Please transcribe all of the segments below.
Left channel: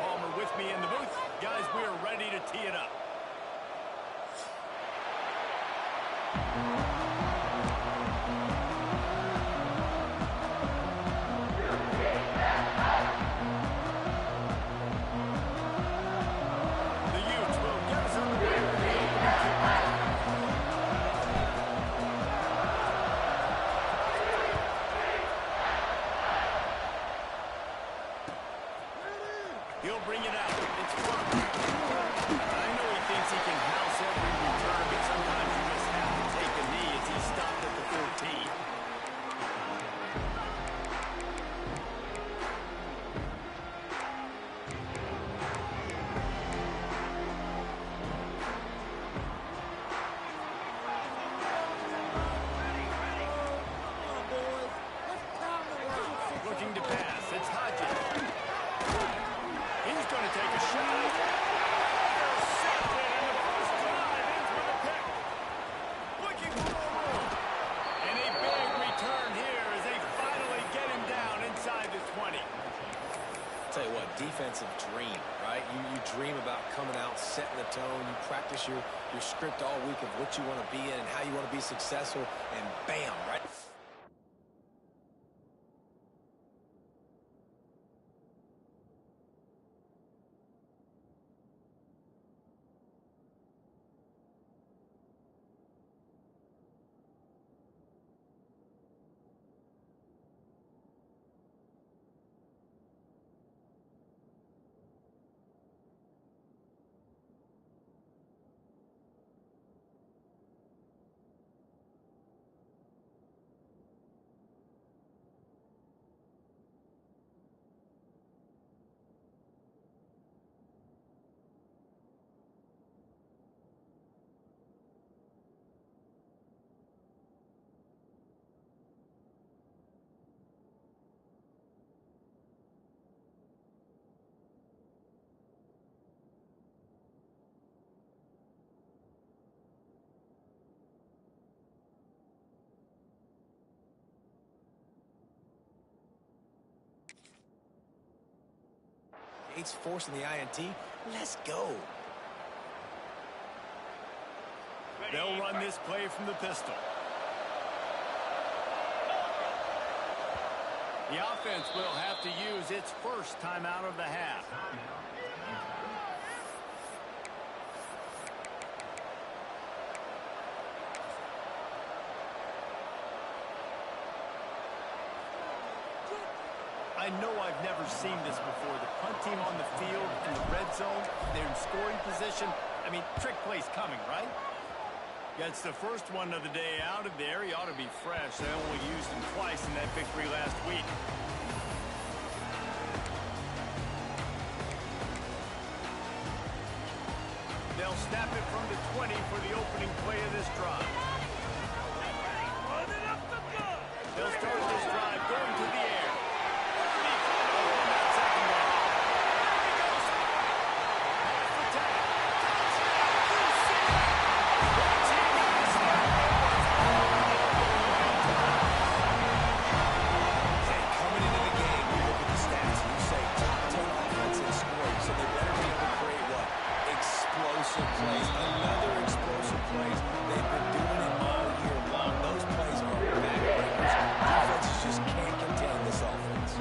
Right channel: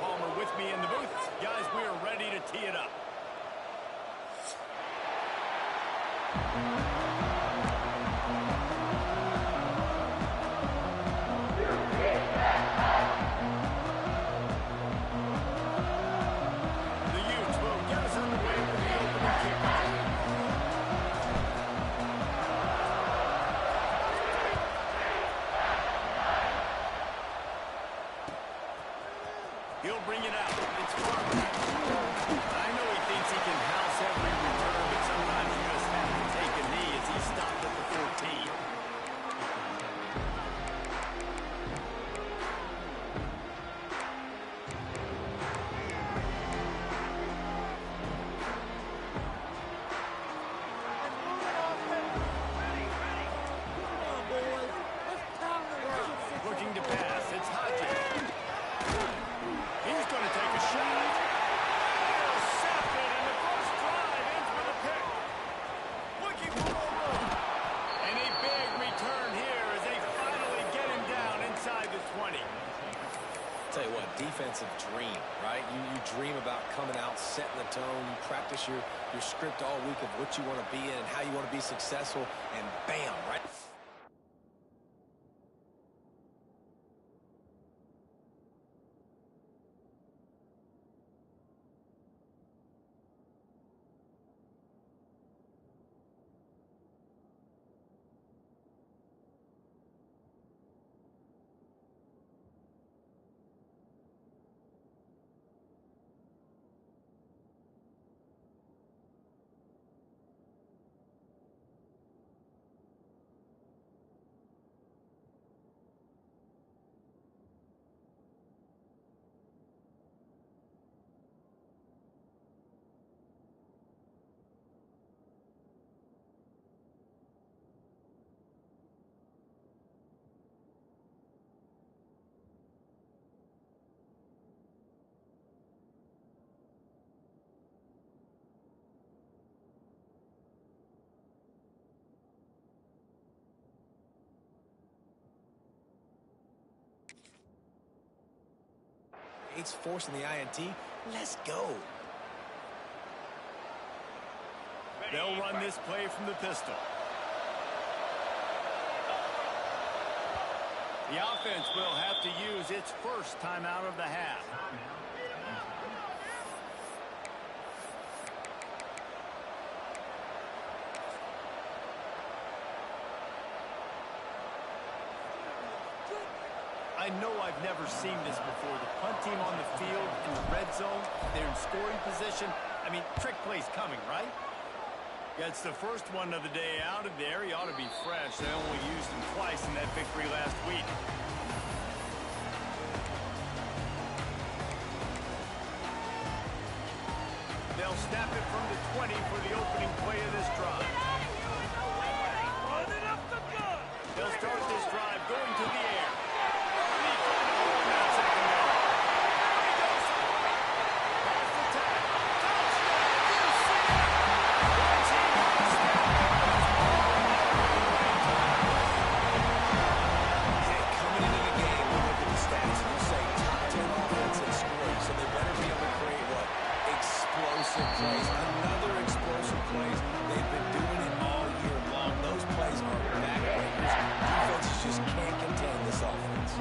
Palmer with me in the booth. Guys, we are ready to tee it up. The Utes will get us underway with the opening kickoff. He'll bring it out. It's fun. I know he thinks he can house every return, but sometimes you just have to take a knee as he stopped at the 14. Looking to pass. It's Hodges. He's going to take a shot. Intercepted, and the first drive ends with a pick. Looking for more room. And a big return here as they finally get him down inside the 20. Tell you what, defensive dream, right? You dream about coming out, setting the tone. You practice your script all week of what you want to be in and how you want to be successful, and bam, right? It's forcing the INT. Let's go. They'll run this play from the pistol. The offense will have to use its first timeout of the half. I know I've never seen this before. The punt team on the field in the red zone. They're in scoring position. I mean, trick play's coming, right? Gets the first one of the day out of there. He ought to be fresh. They only used him twice in that victory last week. They'll snap it from the 20 for the opening play of this drive. They'll start this drive going to the air. Explosive plays, another explosive plays. They've been doing it all year long. Those plays are backbreakers. Defenses just can't contain this offense.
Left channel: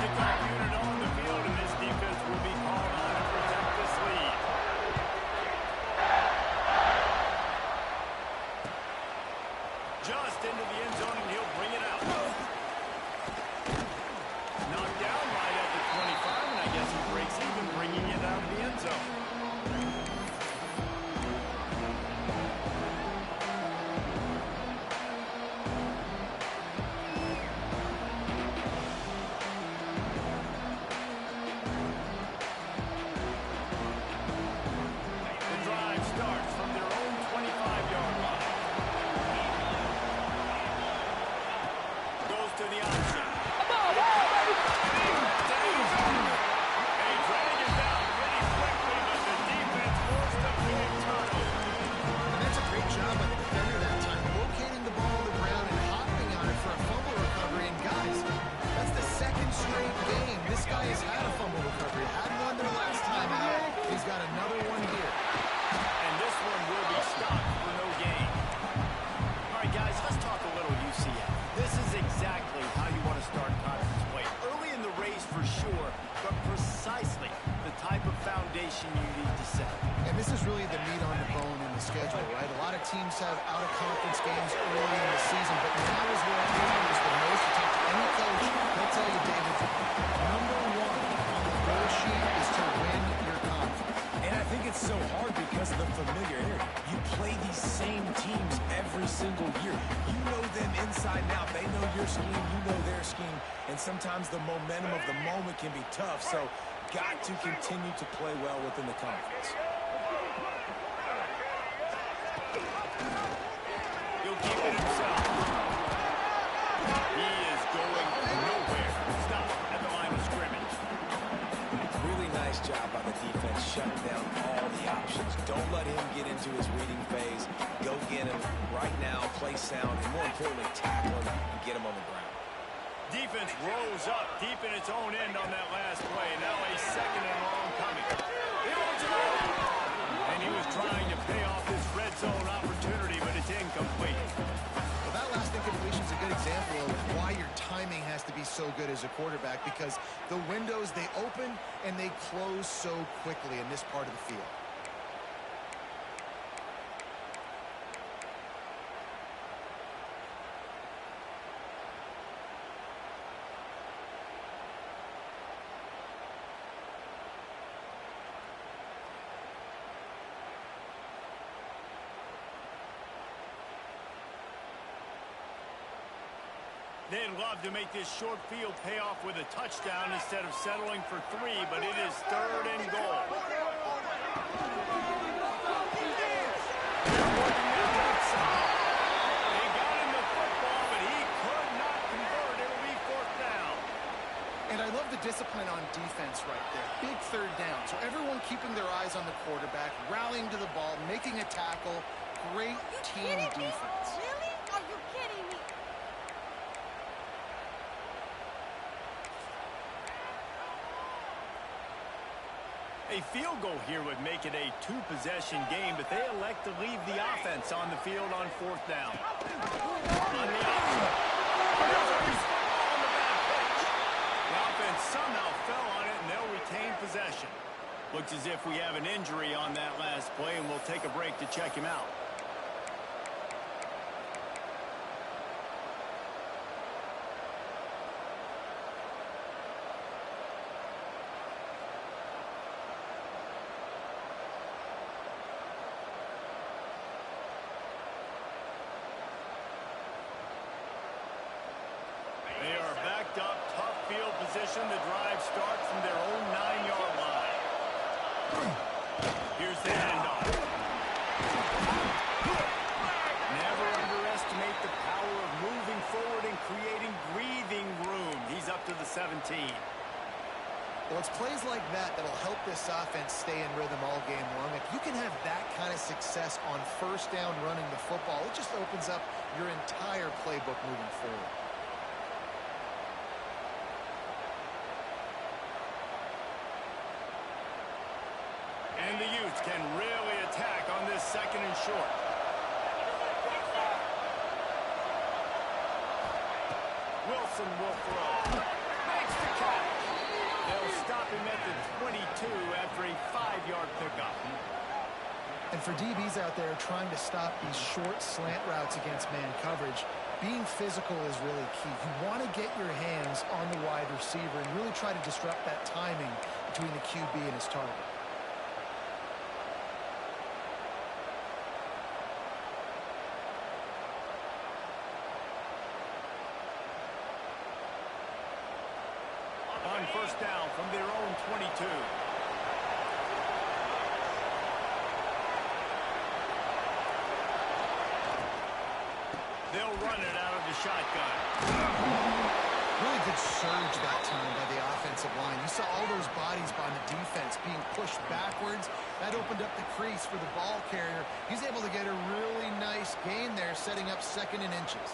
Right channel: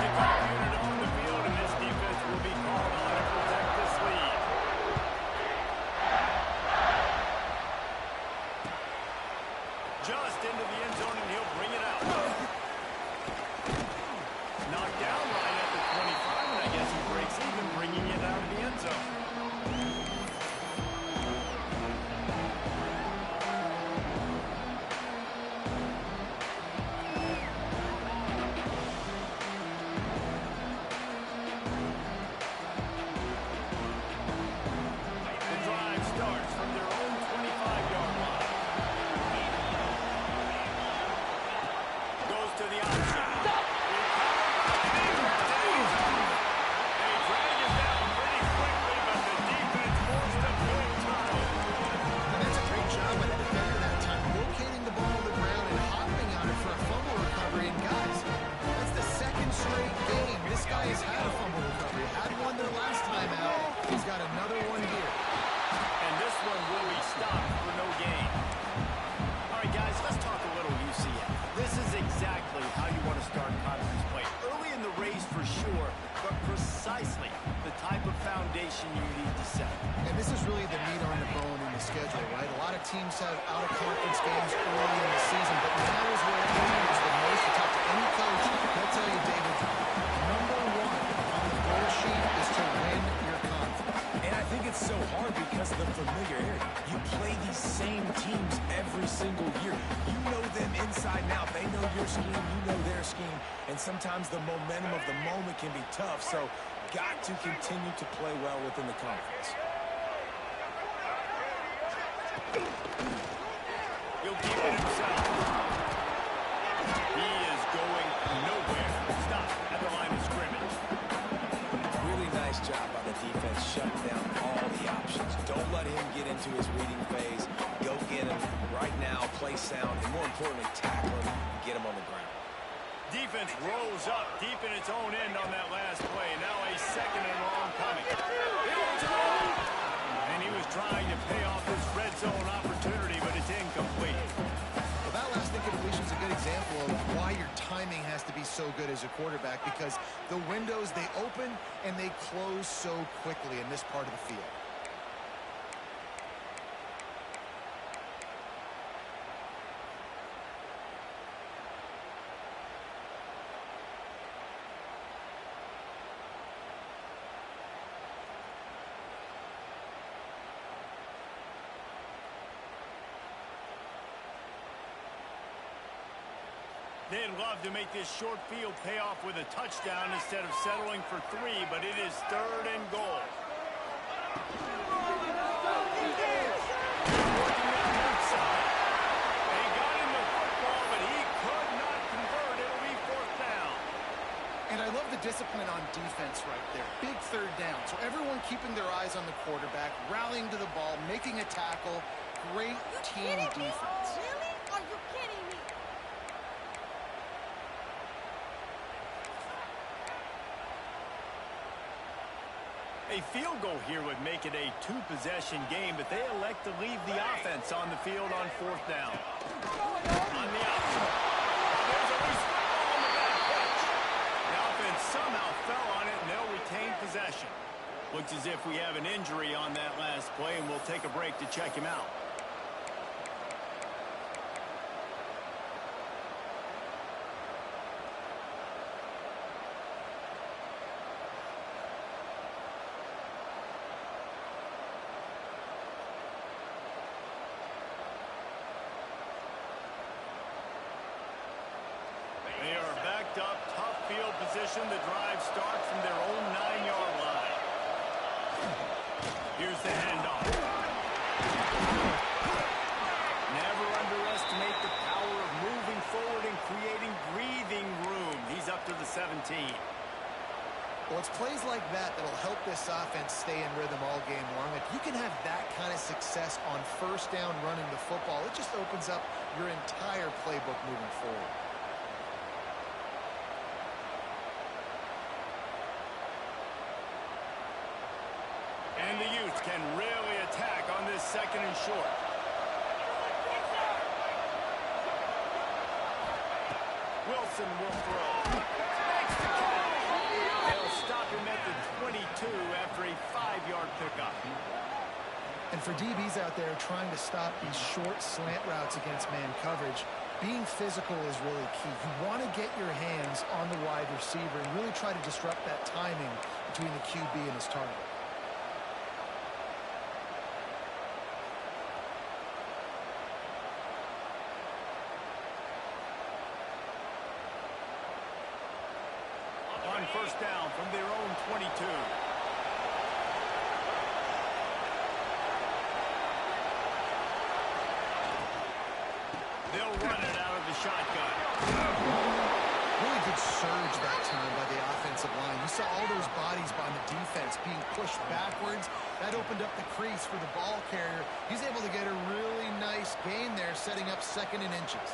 Kickoff unit on the field, and this defense will be called on to protect this lead. Just into the end zone, and he'll bring it out. Knocked down right at the 25, and I guess he breaks even, bringing it out of the end zone. The drive starts from their own 25-yard line. Goes to the option. They drag him down pretty quickly, but the defense straight game. This guy has had a fumble recovery. Had one there last time out. He's got another one here. And this one will be stopped for no gain. All right, guys, let's talk a little UCF. This is exactly how you want to start conference play. Early in the race for sure, but precisely the type of foundation you need to set. And this is really the meat on the bone in the schedule, right? A lot of teams have out-of-conference games early in the season, but now is where it matters the most. You talk to any coach, they'll tell you, David, number one on the goal sheet is to win your conference. And I think it's so hard because of the familiarity. You play these same teams every single year. You know them inside and out. They know your scheme, you know their scheme, and sometimes the momentum of the moment can be tough, so got to continue to play well within the conference. He'll keep it himself. He is going nowhere. Stop at the line of scrimmage. Really nice job by the defense, shutting down all the options. Don't let him get into his reading phase. Go get him right now, play sound, and more importantly, tackle him and get him on the ground. Defense rose up deep in its own end on that last play. Now a second and long coming. He wants it all. And he was trying to pay off this red zone opportunity, but it's incomplete. Well, that last incompletion is a good example of why your timing has to be so good as a quarterback, because the windows, they open and they close so quickly in this part of the field. They'd love to make this short field pay off with a touchdown instead of settling for 3, but it is 3rd and goal. They're working that outside. They got him the football, but he could not convert. It'll be 4th down. And I love the discipline on defense right there. Big 3rd down. So everyone keeping their eyes on the quarterback, rallying to the ball, making a tackle. Great team defense. Really? Are you kidding me? A field goal here would make it a 2-possession game, but they elect to leave the offense on the field on 4th down. On the outside. Oh, there's a loose football on the bad pitch. The offense somehow fell on it, and they'll retain possession. Looks as if we have an injury on that last play, and we'll take a break to check him out. They are backed up, tough field position. The drive starts from their own 9-yard line. Here's the handoff. Never underestimate the power of moving forward and creating breathing room. He's up to the 17. Well, it's plays like that that'll help this offense stay in rhythm all game long. If you can have that kind of success on 1st down running the football, it just opens up your entire playbook moving forward. And the Utes can really attack on this 2nd and short. Wilson will throw. Makes the catch. They'll stop him at the 22 after a 5-yard pickup. And for DBs out there trying to stop these short slant routes against man coverage, being physical is really key. You want to get your hands on the wide receiver and really try to disrupt that timing between the QB and his target. On 1st down from their own 22. They'll run it out of the shotgun. Really good surge that time by the offensive line. You saw all those bodies by the defense being pushed backwards. That opened up the crease for the ball carrier. He's able to get a really nice gain there, setting up 2nd and inches.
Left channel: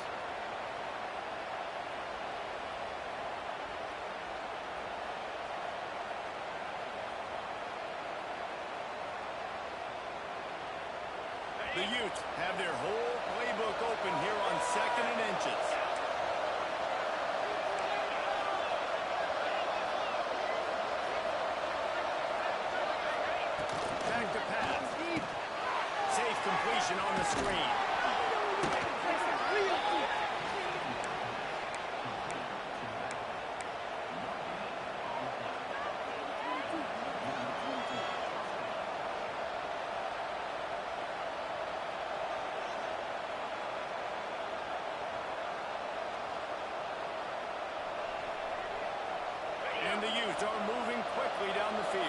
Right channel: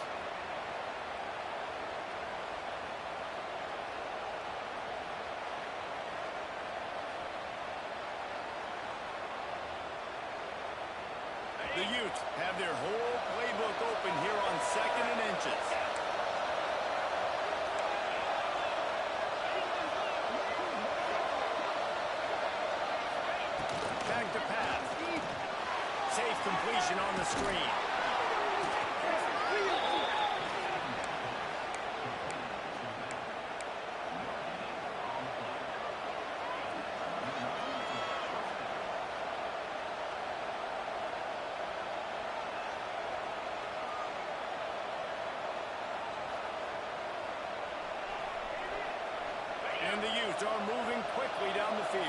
The Utes have their whole playbook open here on 2nd and inches. Back to pass. Safe completion on the screen. And the Utes are moving quickly down the field.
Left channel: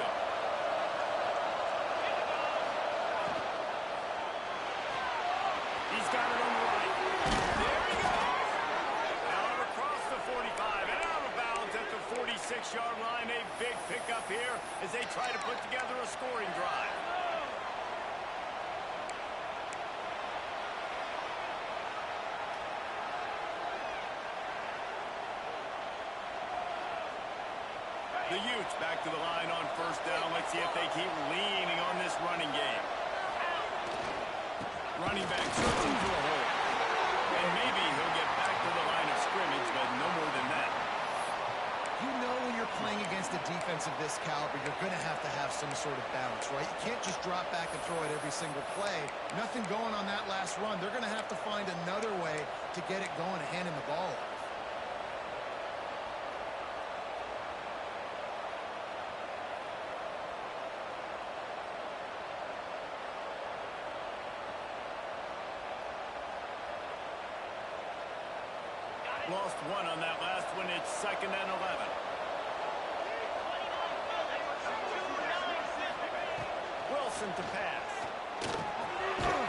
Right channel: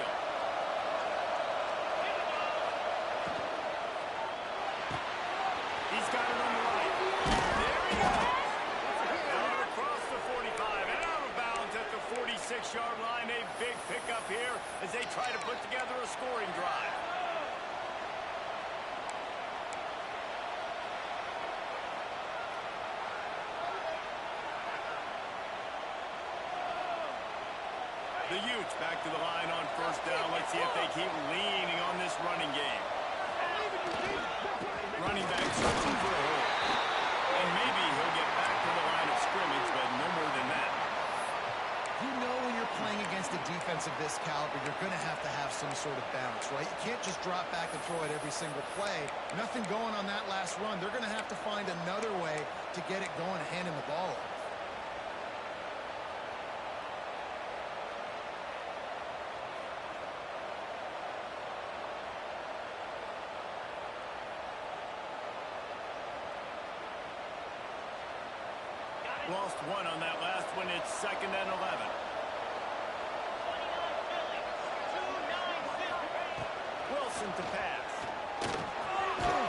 He's got it on the right. There he goes. Out across the 45 and out of bounds at the 46-yard line. A big pickup here as they try to put together a scoring drive. The Utes back to the line on 1st down. Let's see if they keep leaning on this running game. Running back searching for a hole. And maybe he'll get back to the line of scrimmage, but no more than that. You know when you're playing against a defense of this caliber, you're going to have some sort of balance, right? You can't just drop back and throw it every single play. Nothing going on that last run. They're going to have to find another way to get it going and hand him the ball off. Lost one on that last one. It's 2nd and 11. Wilson to pass.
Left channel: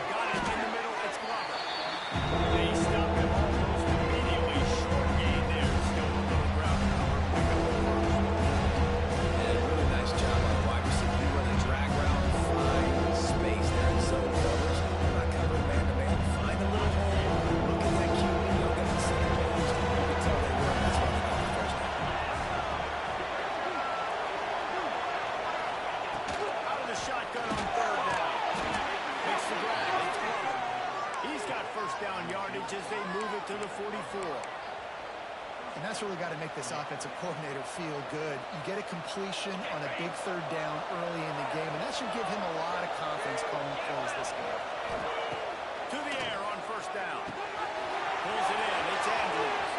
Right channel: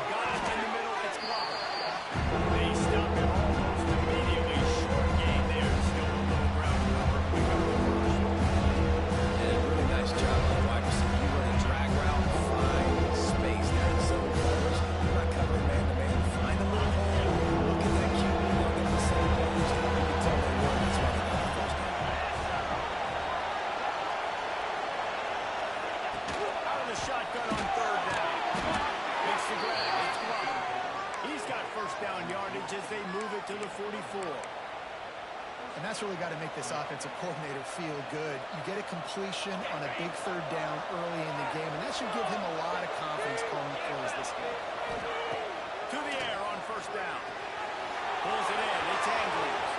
Got it in the middle. It's Glover. They stop him almost immediately. Short gain there. Still a little ground cover. Pick up the first. And a really nice job on the wide receiver. You run a drag route, find space there in zone coverage. You're not covering man-to-man. Find a little hole. Look at that QB. Don't get the same page. You can tell they were. That's why they got the first down. Out of the shotgun on 3rd down. Makes the grab. It's Glover. He's got 1st down yardage as they move it to the 44. And that's really got to make this offensive coordinator feel good. You get a completion on a big 3rd down early in the game, and that should give him a lot of confidence calling plays this game. To the air on 1st down. Pulls it in. It's Andrews.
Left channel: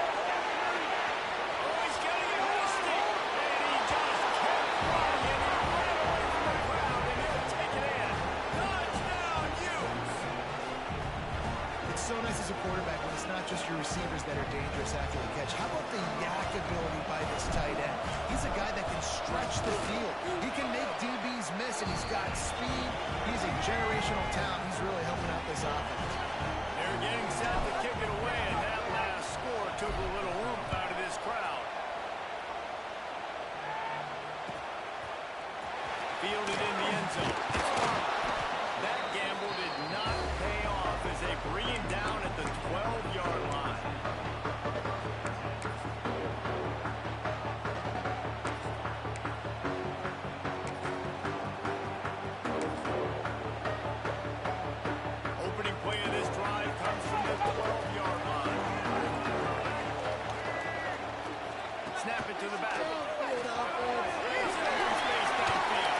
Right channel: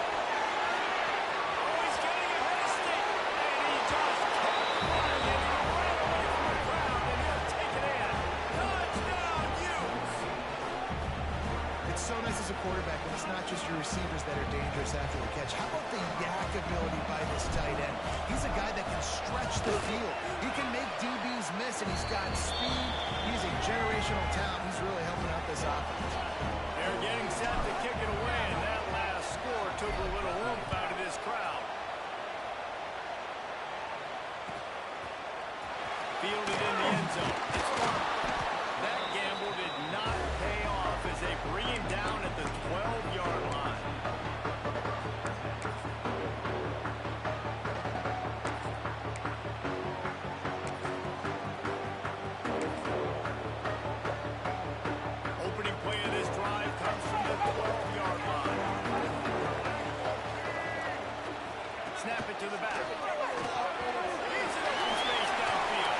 Oh, he's getting ahead of Stick. And he just kept running, and he ran away from the crowd, and he'll take it in. Touchdown, Utes. It's so nice as a quarterback when it's not just your receivers that are dangerous after the catch. How about the yak ability by this tight end? He's a guy that can stretch the field. He can make DBs miss, and he's got speed. He's a generational talent. He's really helping out this offense. They're getting set to kick it away, and that last score took a little oomph out of this crowd. Fielded in the end zone. It's Farmer. That gamble did not pay off as they bring him down at the 12-yard line. Opening play of this drive comes from the 12-yard line. Snap it to the back. He's in open space downfield.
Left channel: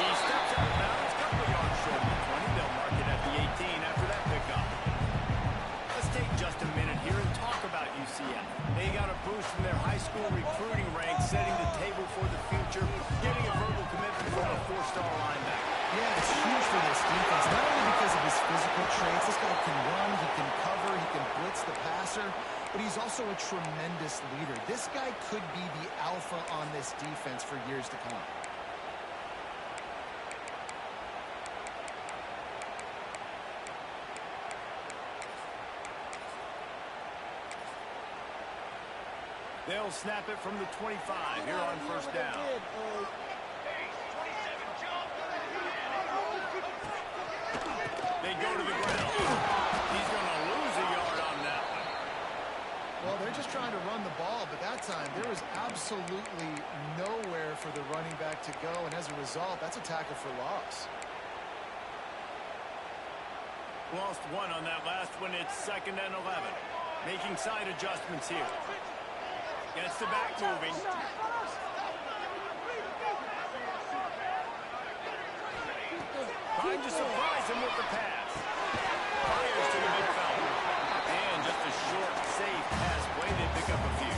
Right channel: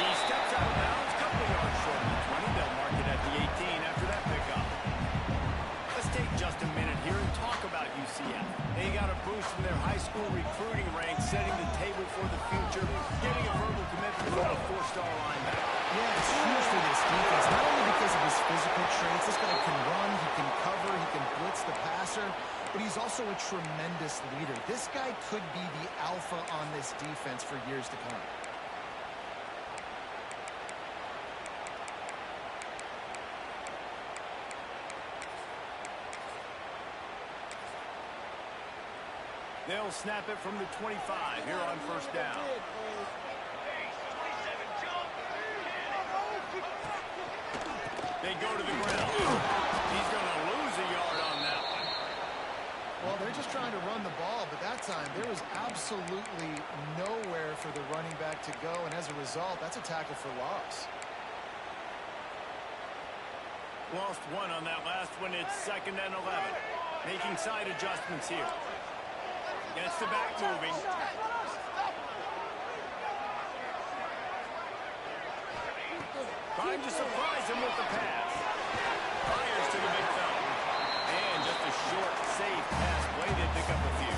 He steps out of bounds, couple of yards short of the 20. They'll mark it at the 18 after that pickup. Let's take just a minute here and talk about UCF. They got a boost from their high school recruiting ranks, setting the table for the future, getting a verbal commitment from a 4-star linebacker. Yeah, it's huge for this defense, not only because of his physical traits. This guy can run, he can cover, he can blitz the passer, but he's also a tremendous leader. This guy could be the alpha on this defense for years to come. They'll snap it from the 25 here on 1st down. They go to the ground. He's going to lose a yard on that one. Well, they're just trying to run the ball, but that time there was absolutely nowhere for the running back to go, and as a result, that's a tackle for loss. Lost one on that last one. It's 2nd and 11. Making side adjustments here. Gets the back moving. Trying to surprise him with the pass. Fires to the big fella. And just a short, safe pass play. They pick up a few.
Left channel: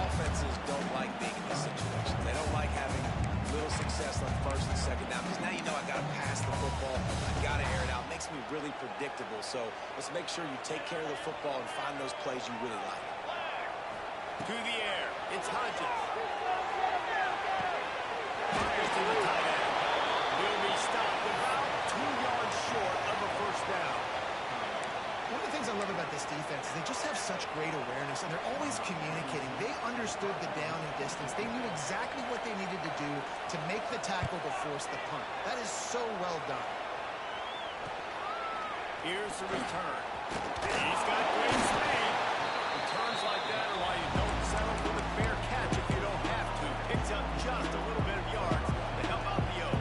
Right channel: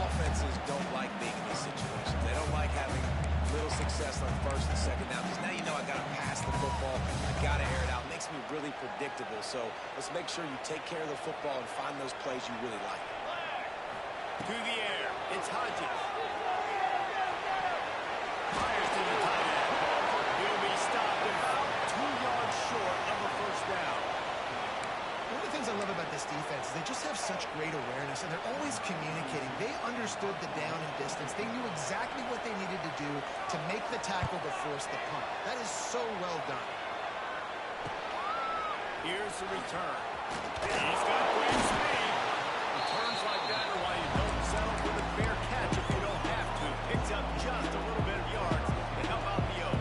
Offenses don't like being in these situations. They don't like having little success on 1st and 2nd down because now you know I got to pass the football. I got to air it out. It makes me really predictable. So let's make sure you take care of the football and find those plays you really like. To the air. It's Hodges. Fires to the tight end. He'll be stopped about 2 yards short of a 1st down. One of the things I love about this defense is they just have such great awareness, and they're always communicating. They understood the down and distance. They knew exactly what they needed to do to make the tackle to force the punt. That is so well done. Here's the return. He's got great speed. Returns like that are why you don't settle for the fair catch if you don't have to. Picks up just a little bit of yards to help out the O.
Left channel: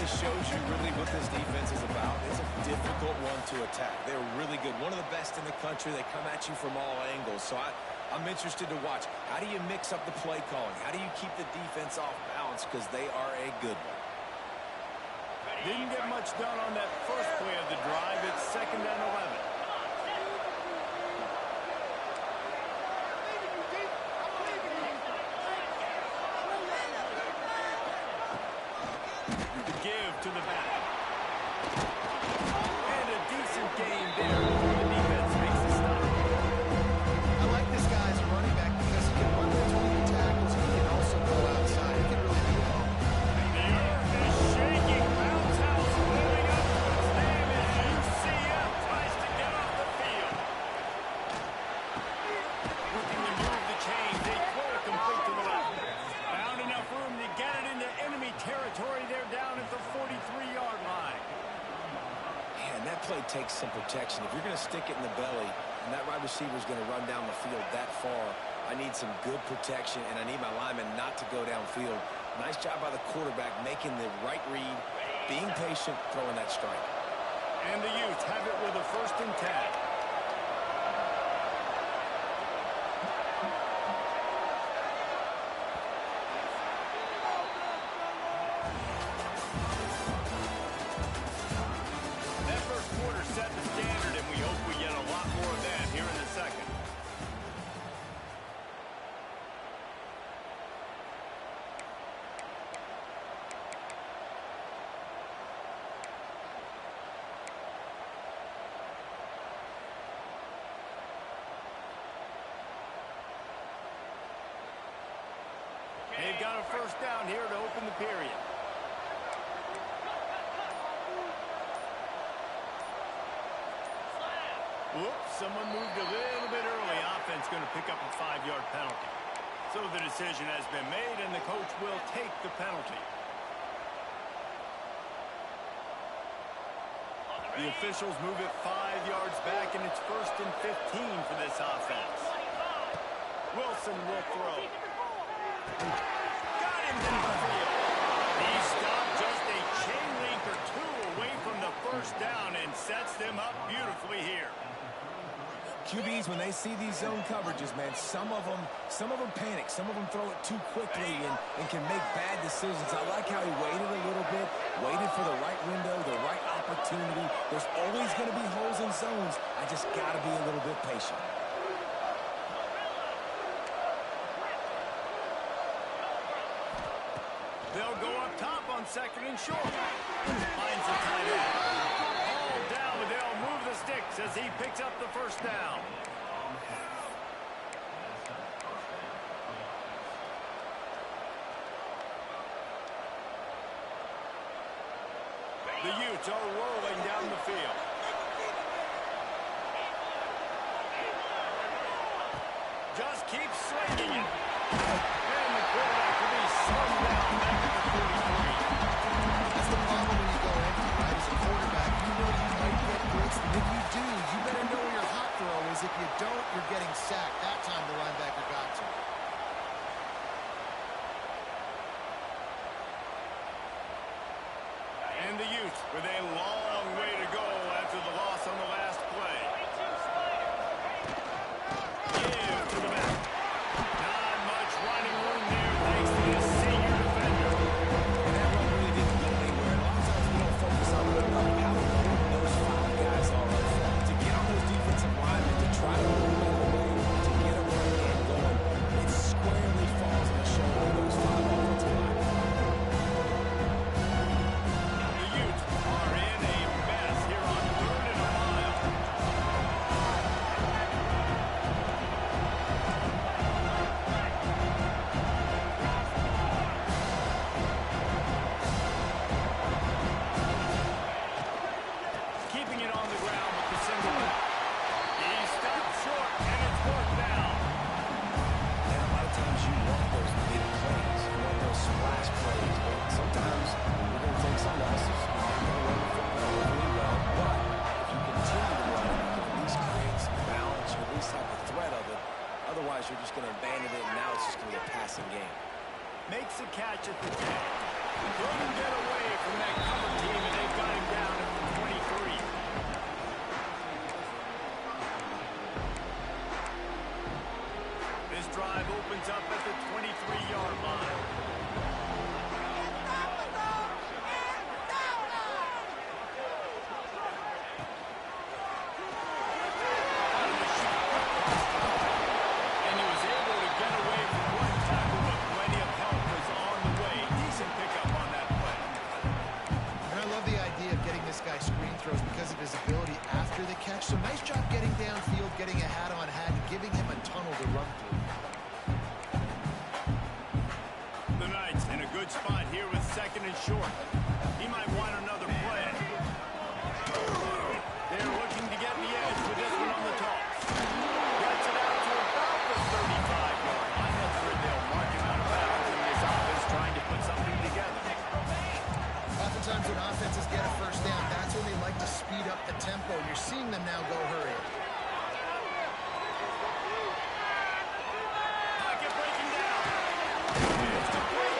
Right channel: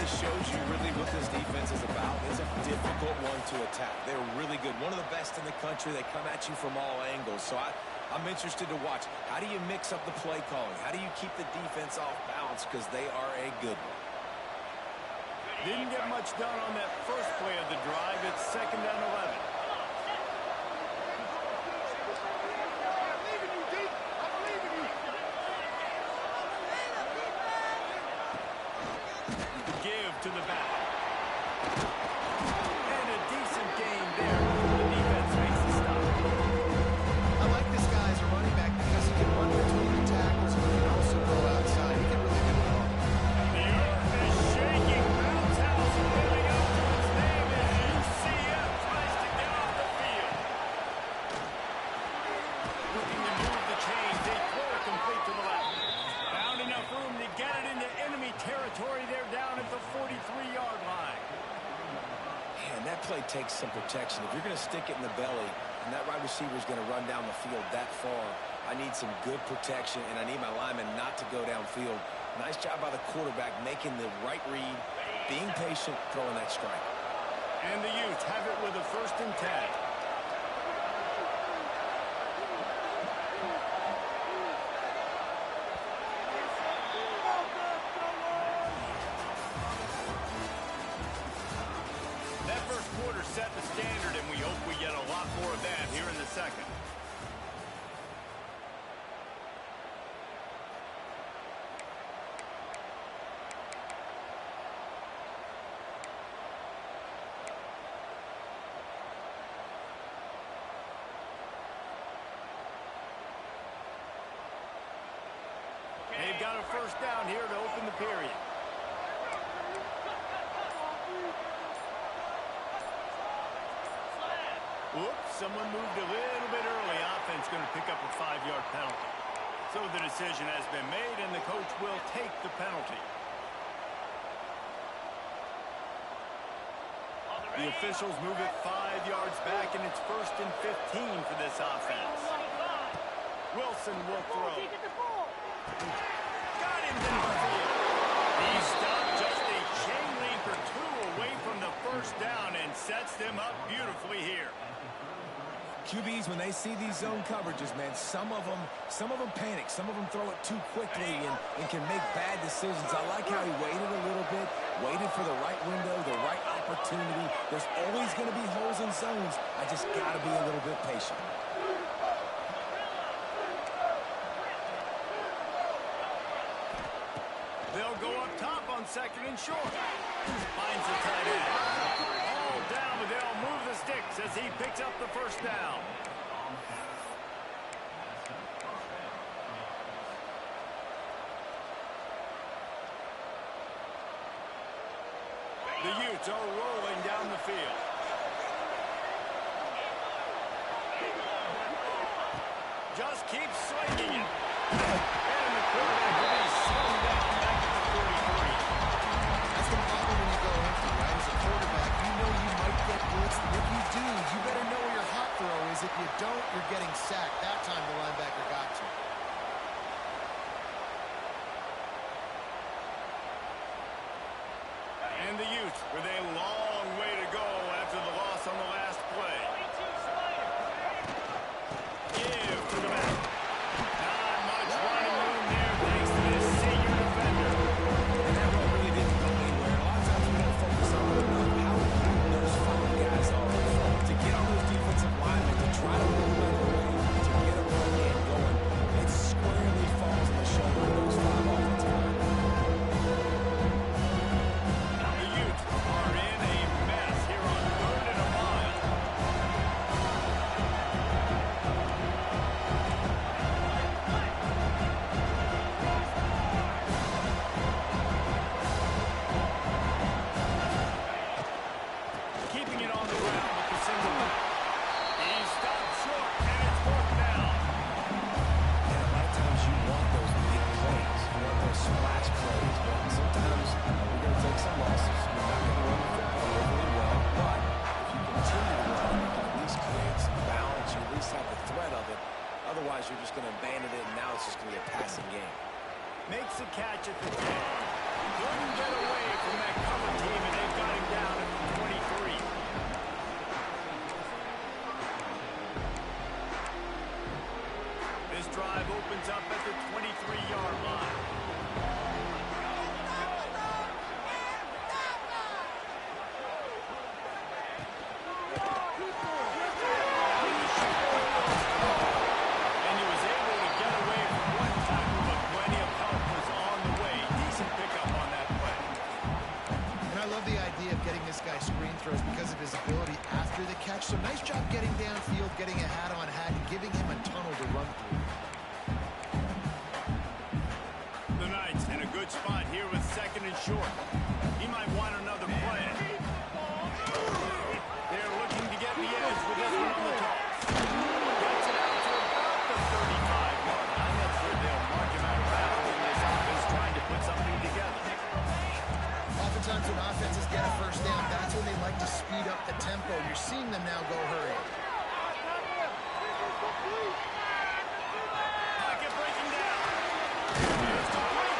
Shows you really what this defense is about. It's a difficult one to attack. They're really good. One of the best in the country. They come at you from all angles. So I'm interested to watch. How do you mix up the play calling? How do you keep the defense off balance? Because they are a good one. Didn't get much done on that first play of the drive. It's 2nd and 11. To the back. And a decent gain there before the defense makes the stop. I like this guy as a running back because he can run between the tackles and he can also go outside. He can really do it all. The earth is shaking. Bounce House living up to its name as UCF tries to get off the field. Looking to move the chains. They throw it complete to the left. Found enough room to get it into enemy territory. They're down at the 43-yard line. Man, that play takes some protection. If you're going to stick it in the belly and that wide receiver is going to run down the field that far, I need some good protection, and I need my lineman not to go downfield. Nice job by the quarterback making the right read, being patient, throwing that strike. And the Utes have it with a 1st and 10. Set the standard, and we hope we get a lot more of that here in the 2nd. They've got a 1st down here to open the period. Whoops, someone moved a little bit early. Offense going to pick up a 5-yard penalty. So the decision has been made, and the coach will take the penalty. The officials move it 5 yards back, and it's 1st and 15 for this offense. Wilson will throw. Got him in the field. He stopped just a chain link or two away from the 1st down and sets them up beautifully here. QBs, when they see these zone coverages, man, some of them panic. Some of them throw it too quickly and can make bad decisions. I like how he waited a little bit, waited for the right window, the right opportunity. There's always going to be holes in zones. I just got to be a little bit patient. They'll go up top on 2nd and short. Finds the tight end. All down, but they'll move the sticks as he picks up the 1st down. The Utes are rolling down the field. Just keep swinging it. And the quarterback will be slung down back at the 43. That's the problem when you go empty, right? As a quarterback, you know you might get blitzed, and if you do, you better know where your hot throw is. If you don't, you're getting sacked. That time the linebacker got to him. And the Utes with a long way to go after the loss on the last play. Give to the back. Not much running room there thanks to this senior defender. And that run really didn't go anywhere. A lot of times we don't focus on it enough. How important those 5 guys are up front. To get on those defensive linemen, to try to move them out of the way, to get a run game going, it squarely falls on the shoulder of those 5 offensive linemen. Are in a mess here on 3rd and a mile. Keeping it on the ground with the single back. He stopped short, and it's 4th down. And a lot of times you want those big plays. You want those splash plays. But sometimes you're going to take some losses. You're not going to run the football overly well. But if you continue to run, you can at least create some balance. You at least have the threat of it. Otherwise, you're just going to abandon it, and now it's just going to be a passing game. Makes a catch at the 10. Couldn't get away from that cover team, and they've got him down at the 23. This drive opens up at the 23-yard line. And he was able to get away from one tackle, but plenty of help was on the way. Decent pickup on that play. And I love the idea of getting this guy screen throws because of his ability after the catch. So nice job getting downfield, getting a hat-on-hat, and giving him a tunnel to run through. The Knights in a good spot here with 2nd and short. He might want another play. They're looking to get the edge with this one on the toss. Gets it out to about the 35-yard line. That's where they'll mark him out of bounds in this offense trying to put something together. Oftentimes when offenses get a first down, that's when they like to speed up the tempo. You're seeing them now go hurry. Pocket breaking down. It's complete.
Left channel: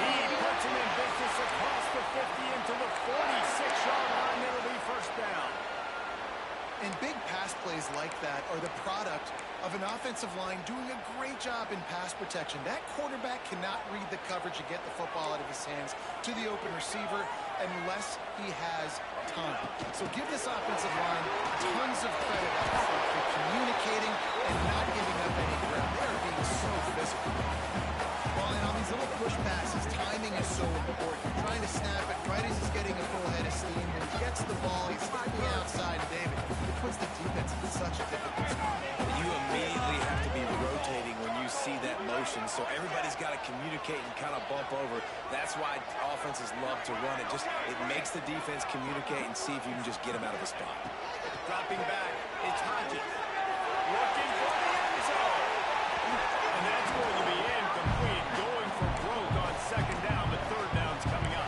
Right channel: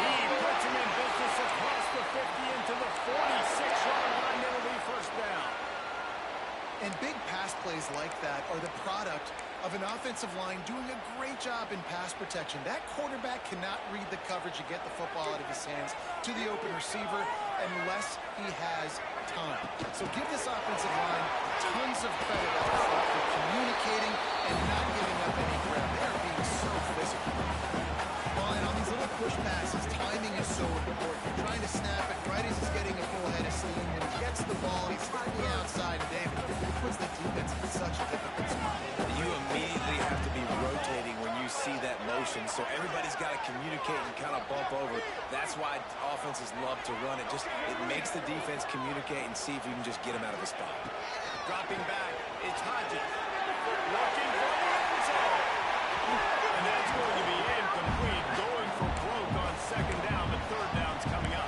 He puts him in business across the 50 into the 46-yard line. It'll be 1st down. And big pass plays like that are the product of an offensive line doing a great job in pass protection. That quarterback cannot read the coverage and get the football out of his hands to the open receiver unless he has time. So give this offensive line tons of credit up front for communicating and not giving up any ground. They are being so physical. Well, and on these little push passes, timing is so important. You're trying to snap it right as he's getting a full head of steam. When he gets the ball, he's hitting the outside. David, it puts the defense in such a difficult spot. You immediately have to be rotating when you see that motion, so everybody's got to communicate and kind of bump over. That's why offenses love to run it. It makes the defense communicate and see if you can just get him out of a spot. Dropping back, it's Hodges. Looking for the end zone. And that's going to be incomplete. Going for broke on 2nd down, but 3rd down's coming up.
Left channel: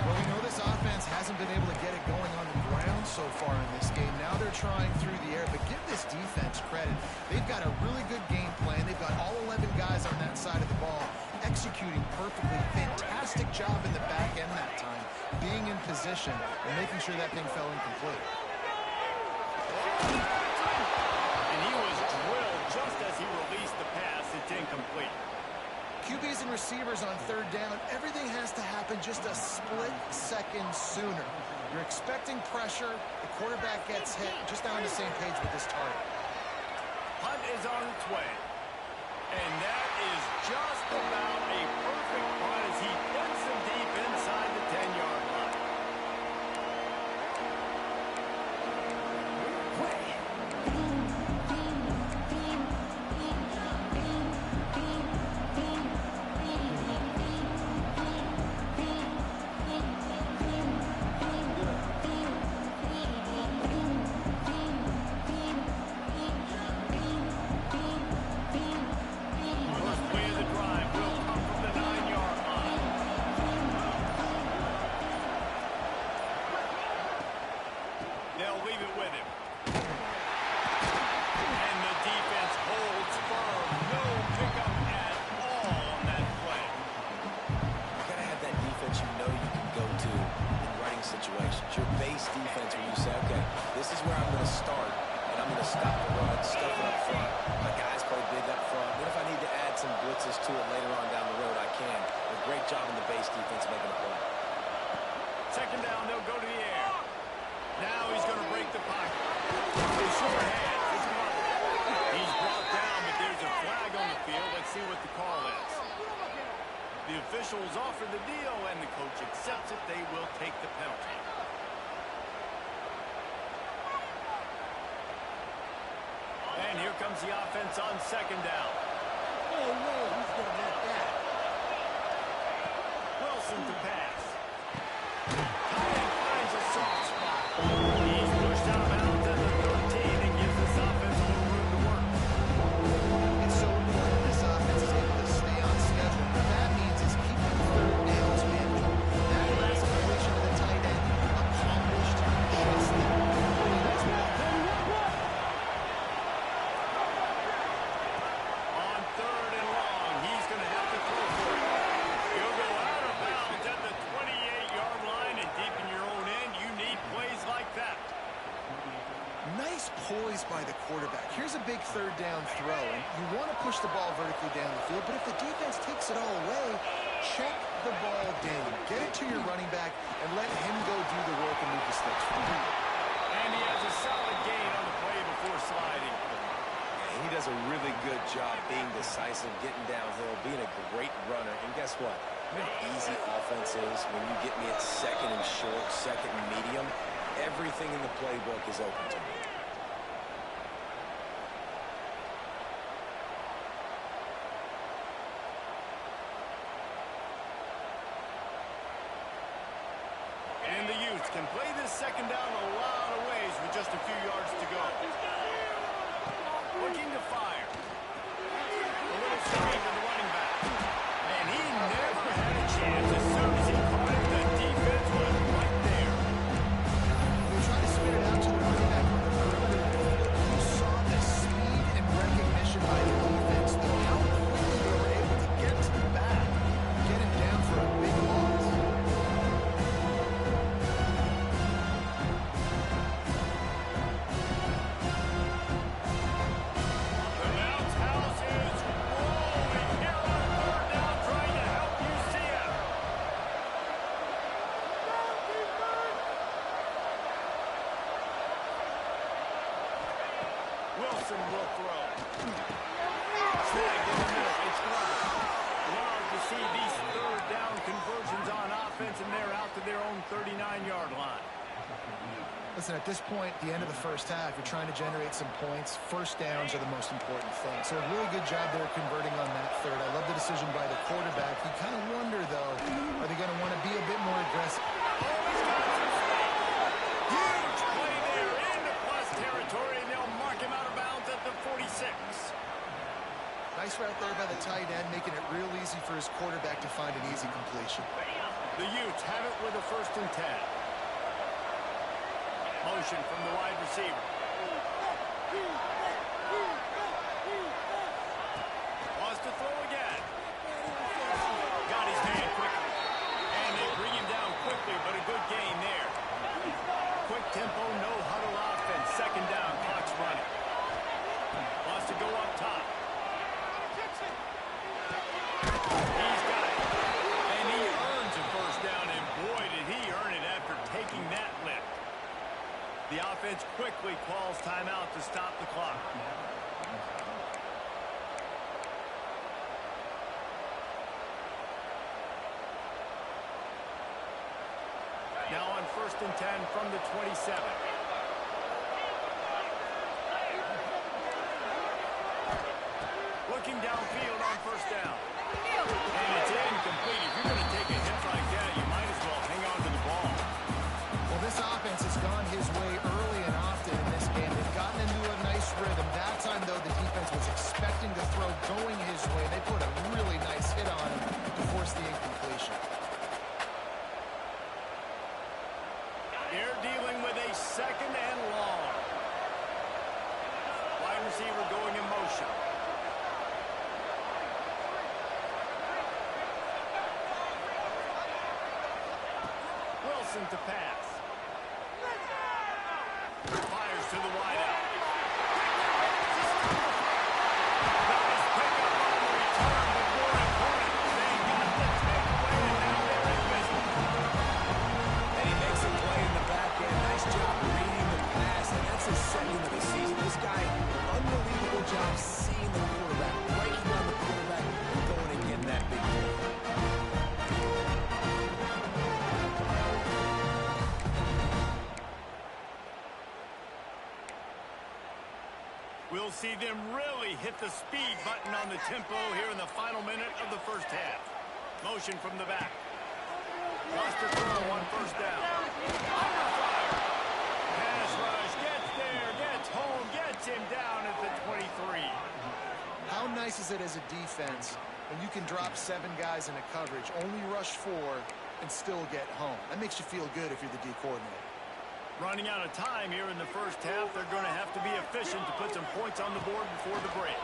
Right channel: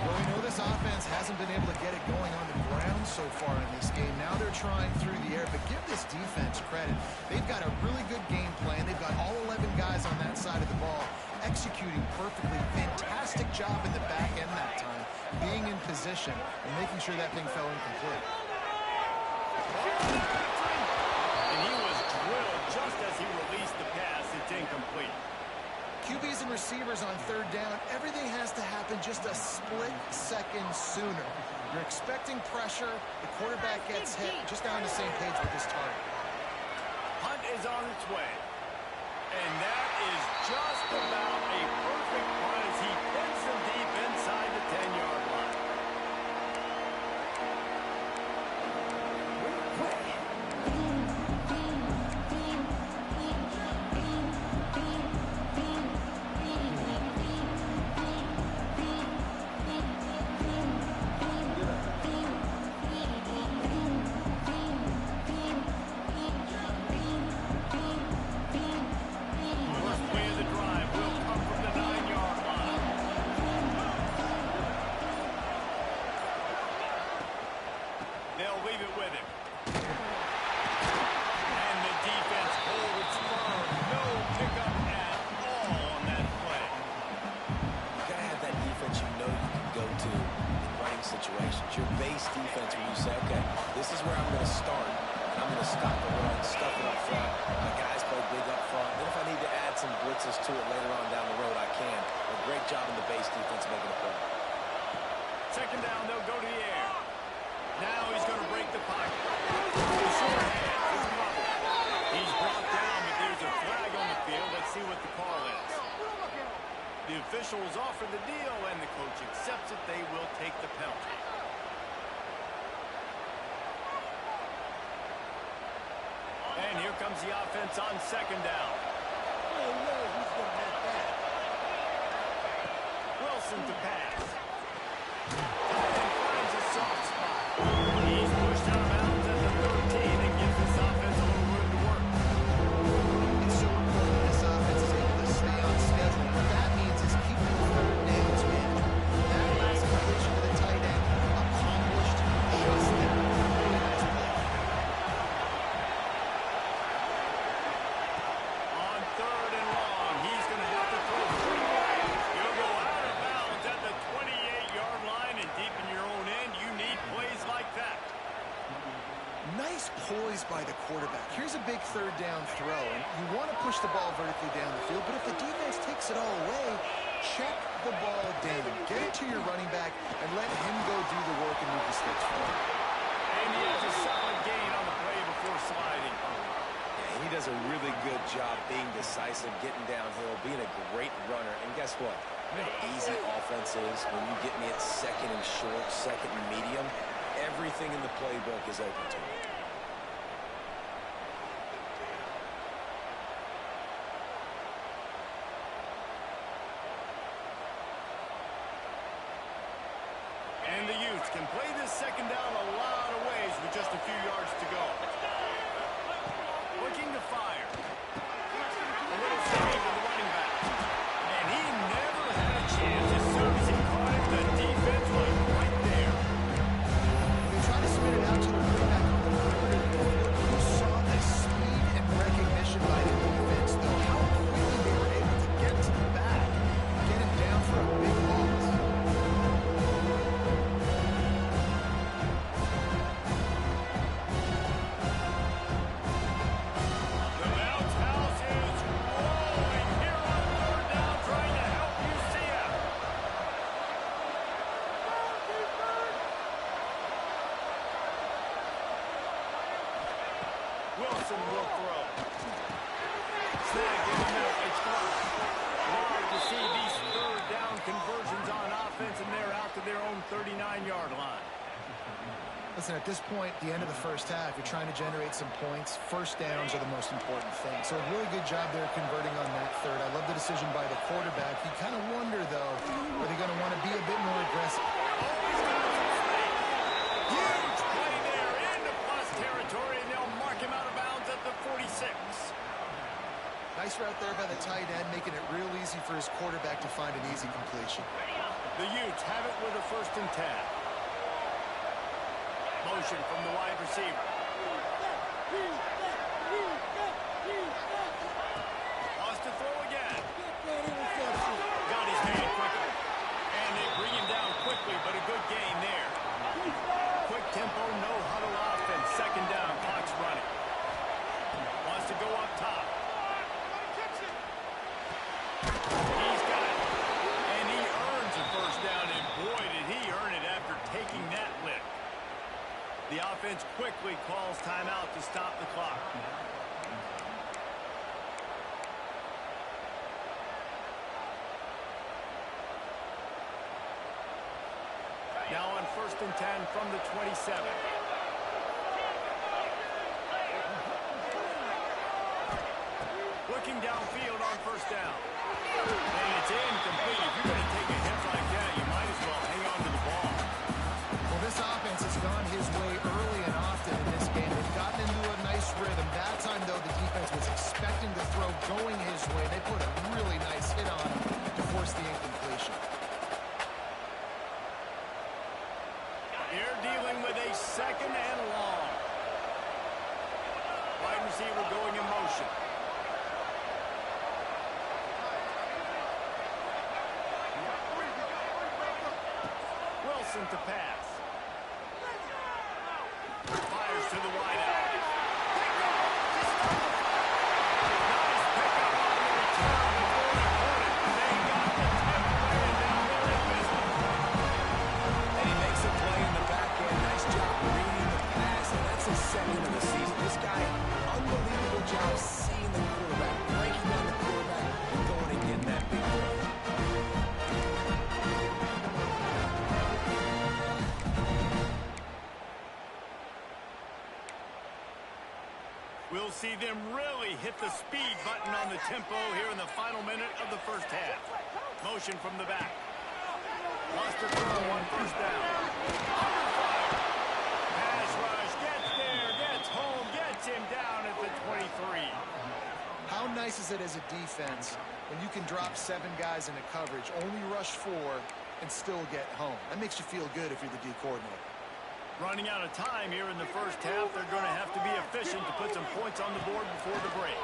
Well, we know this offense hasn't been able to get it going on the ground so far in this game. Now they're trying through the air, but give this defense credit. They've got a really good game plan. They've got all 11 guys on that side of the ball executing perfectly. Fantastic job in the back end that time, being in position and making sure that thing fell incomplete. And he was drilled just as he released the pass. It's incomplete. QBs and receivers on 3rd down, everything has to happen just a split second sooner. You're expecting pressure, the quarterback gets hit, just not on the same page with his target. Hunt is on its way. And that is just about a perfect punt as he pins him deep inside the 10-yard line. base defense where you say, okay, this is where I'm going to start, and I'm going to stop the run, stuff it up front. My guys play big up front. Then if I need to add some blitzes to it later on down the road, I can. A great job in the base defense making a play. Second down, they'll go to the air. Now he's going to break the pocket. The short hands, it's covered. He's brought down, but there's a flag on the field. Let's see what the call is. The officials offer the deal, and the coach accepts it. They will take the penalty. And here comes the offense on second down. No way he's going to make that. Wilson to pass. Tight end finds a soft spot. He's pushed out of bounds at the 13 and gives this offense a little room to work. It's so important this offense is able to stay on schedule. What that means is keeping third downs management. That last completion to the tight end accomplished just that. Really nice play. On third and long, he's going to have to throw for it. He'll go out of bounds at the 28-yard line, and deep in your own end, you need plays like that. Nice poise by the quarterback. Here's a big third down throw, and you want to push the ball vertically down the field, but if the defense takes it all away, check the ball down. Get it to your running back and let him go do the work and move the sticks forward. And he has a solid gain on the play before sliding. Yeah, he does a really good job being decisive, getting downhill, being a great runner. And guess what? You know how easy offense is when you get me at second and short, second and medium. Everything in the playbook is open to me. And the Utes can play this second down a lot of ways with just a few yards to go. Looking to fire. A little screen to the running back. And he never had a chance. As soon as he caught it, the defense was right there. When they try to spin it out to the running back on the perimeter, you saw the speed and recognition by the defense, though. How quickly they were able to get to the back, get him down for a big loss. The bounce house is rolling here on third down, trying to help UCF. Wilson will throw. Snagged in the middle. It's Glover. Love to see these third down conversions on offense, and they're out to their own 39-yard line. Listen, at this point, the end of the first half, you're trying to generate some points. First downs are the most important thing. So a really good job there converting on that third. I love the decision by the quarterback. You kind of wonder, though, are they going to want to be a bit more aggressive? Oh, he's got some space. Huge play there into plus territory, and they'll mark him out of bounds at the 46. Nice route there by the tight end, making it real easy for his quarterback to find an easy completion. The Utes have it with a 1st and 10. Motion from the wide receiver. Wants to throw again. Got his man quickly. And they bring him down quickly, but a good gain there. Quick tempo, no huddle offense. Second down, clock's running. Wants to go up top. He's got it. And he earns a first down, and boy, did he earn it after taking that lick. The offense quickly calls timeout to stop the clock. Now on 1st and 10 from the 27. Looking downfield on 1st down. And it's incomplete. If you're going to take a hit like that, you might as well hang on to the ball. Well, this offense has gone his way early and often in this game. They've gotten into a nice rhythm. That time, though, the defense was expecting to throw going his way. They put a really nice hit on him to force the incompletion. They're dealing with a 2nd and long. Wide receiver going in motion. Wilson to pass. to the wideout. Nice pickup on the return, but more important, they got the takeaway, and now they're in business. And he makes a play in the back end. Nice job reading the pass, and that's his second of the season. This guy, unbelievable job seeing the quarterback, breaking down the quarterback, and going and getting that big play. We'll see them really hit the speed button on the tempo here in the final minute of the first half. Motion from the back. Wants to throw on first down. Under fire. Pass rush. Gets there. Gets home. Gets him down at the 23. How nice is it as a defense when you can drop 7 guys in a coverage, only rush 4, and still get home? That makes you feel good if you're the D coordinator. Running out of time here in the first half. They're going to have to be efficient to put some points on the board before the break.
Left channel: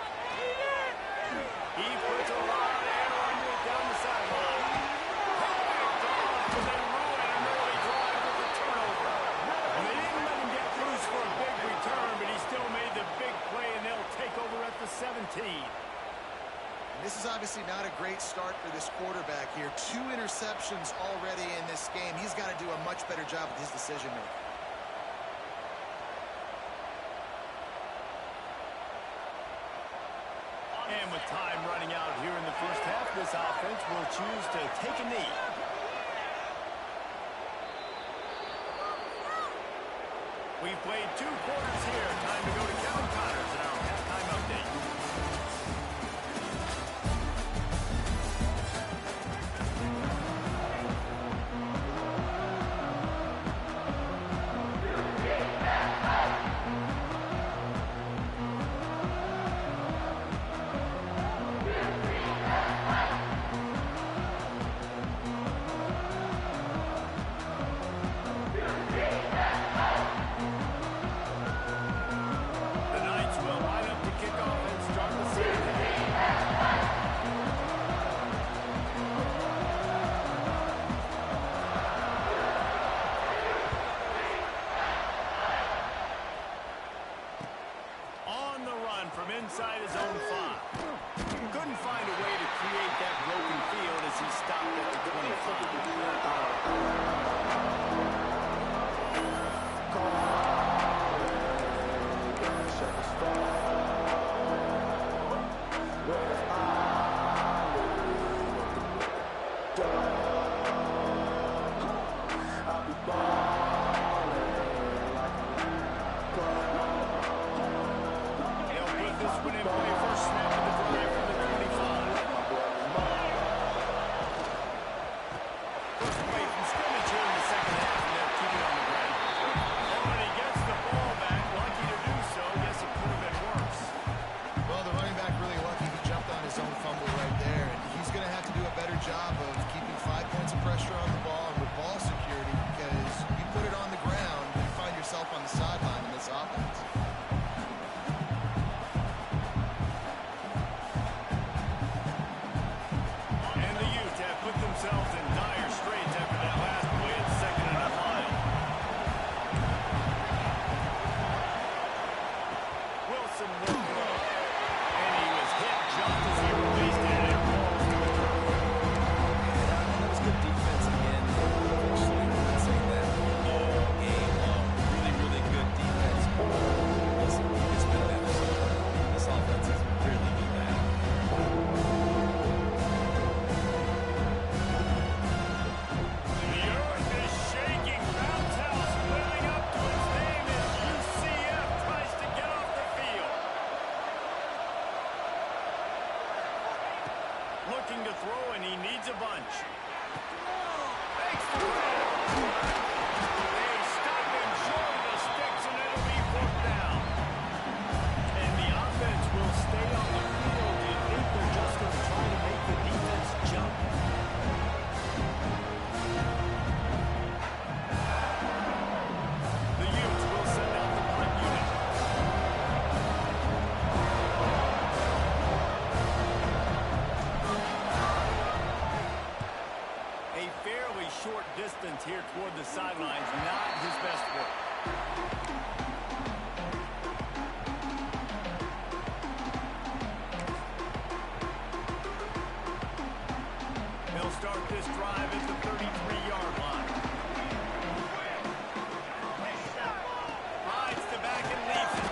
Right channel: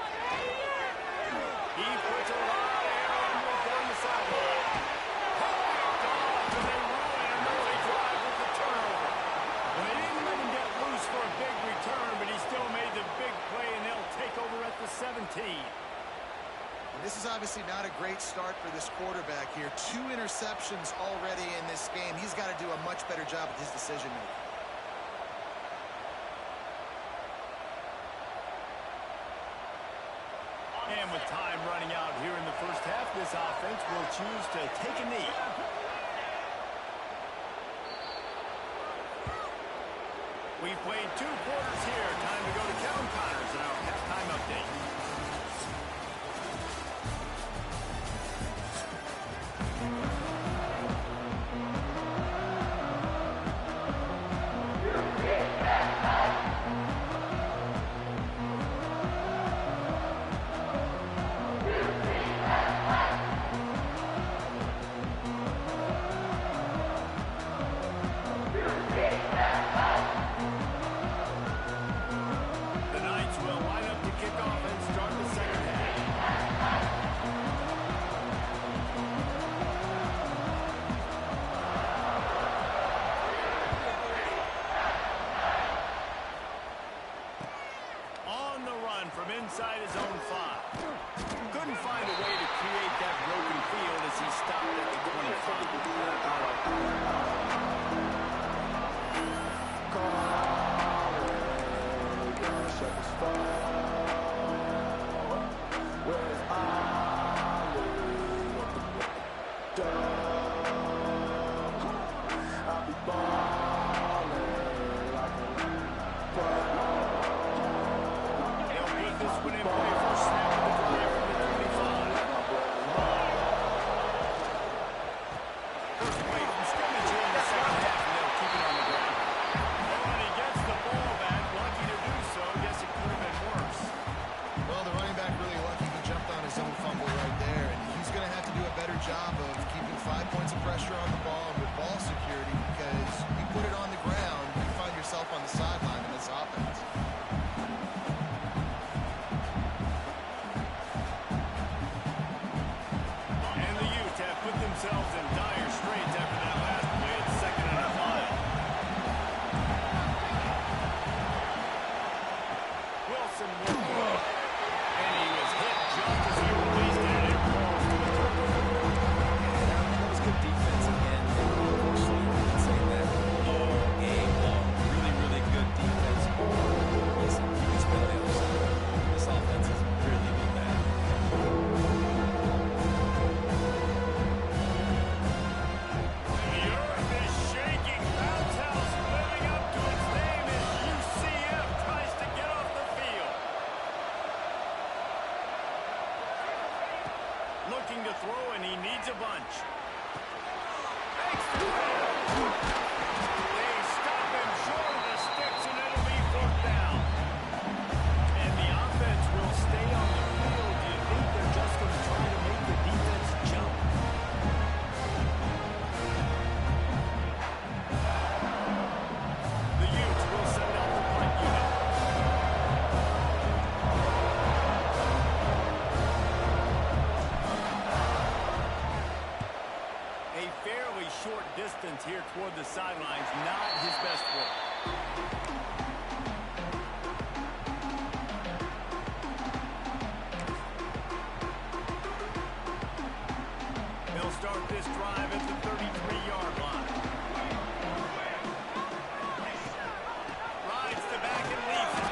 He puts a lot of air under it down the sideline. Picked off, and they ruin an early drive with the turnover. And they didn't let him get loose for a big return, but he still made the big play, and they'll take over at the 17. And this is obviously not a great start for this quarterback here. 2 interceptions already in this game. He's got to do a much better job with his decision-making. And with time running out here in the first half, this offense will choose to take a knee. We've played 2 quarters here. Time to go to Kevin Connors in our halftime update. From inside his own 5. Couldn't find a way to create that broken field as he stopped at the 5. Job of keeping 5 points of pressure on the ball and with ball security, because you put it on the ground, you find yourself on the sideline in this offense. And the Utes have put themselves in dire straits after that last play. It's 2nd and a mile. Wilson will throw. And he was hit just as he released it, and it falls to the turf. Good defense again. Eventually, we've been saying that all game long. Really, really good defense. Listen, you can spin on the other side. This offense has really been bad. The earth is shaking. Bounce House living up to its name as UCF tries to get off the field. Looking to throw, and he needs a bunch. They stop him short of the sticks, and it'll be 4th down. And the offense will stay on the field. Do you think they're just going to try to make the defense jump? The Utes will send out the punt unit. A fairly short distance here toward the sidelines, not his best work. start this drive at the 33-yard line. Rides the back and leaves it.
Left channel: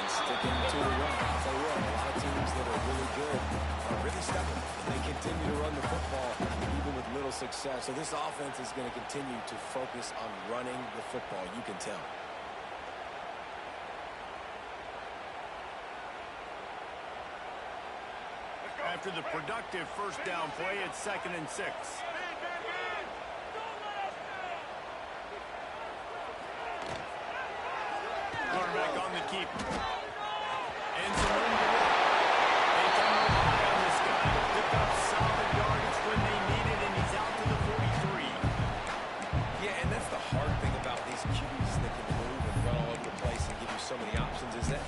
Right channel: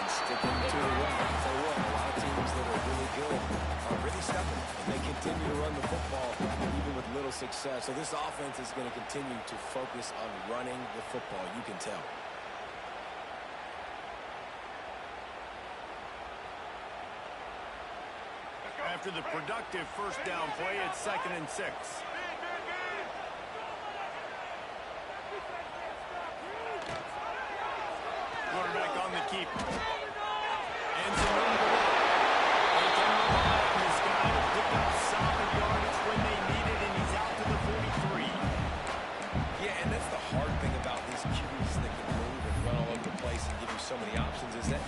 And sticking to the run. I'll tell you what, a lot of teams that are really good are really stubborn, and they continue to run the football even with little success. So this offense is going to continue to focus on running the football. You can tell. After the productive first down play, it's 2nd and 6. Quarterback on the keep. And some room to work. They can rely on this guy to pick up solid yardage when they need it, and he's out to the 43. Yeah, and that's the hard thing about these QBs that can move and run all over the place and give you so many options is that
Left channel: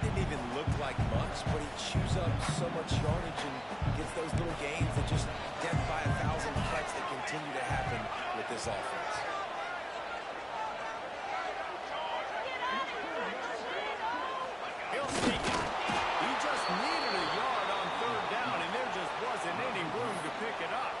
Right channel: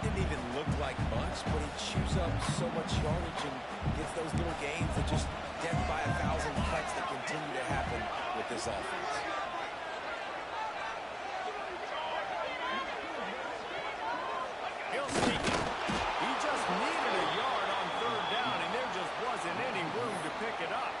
didn't even look like much, but he chews up so much yardage and gets those little gains that just death by 1,000 cuts that continue to happen with this offense. He'll sneak it. He just needed a yard on 3rd down, and there just wasn't any room to pick it up.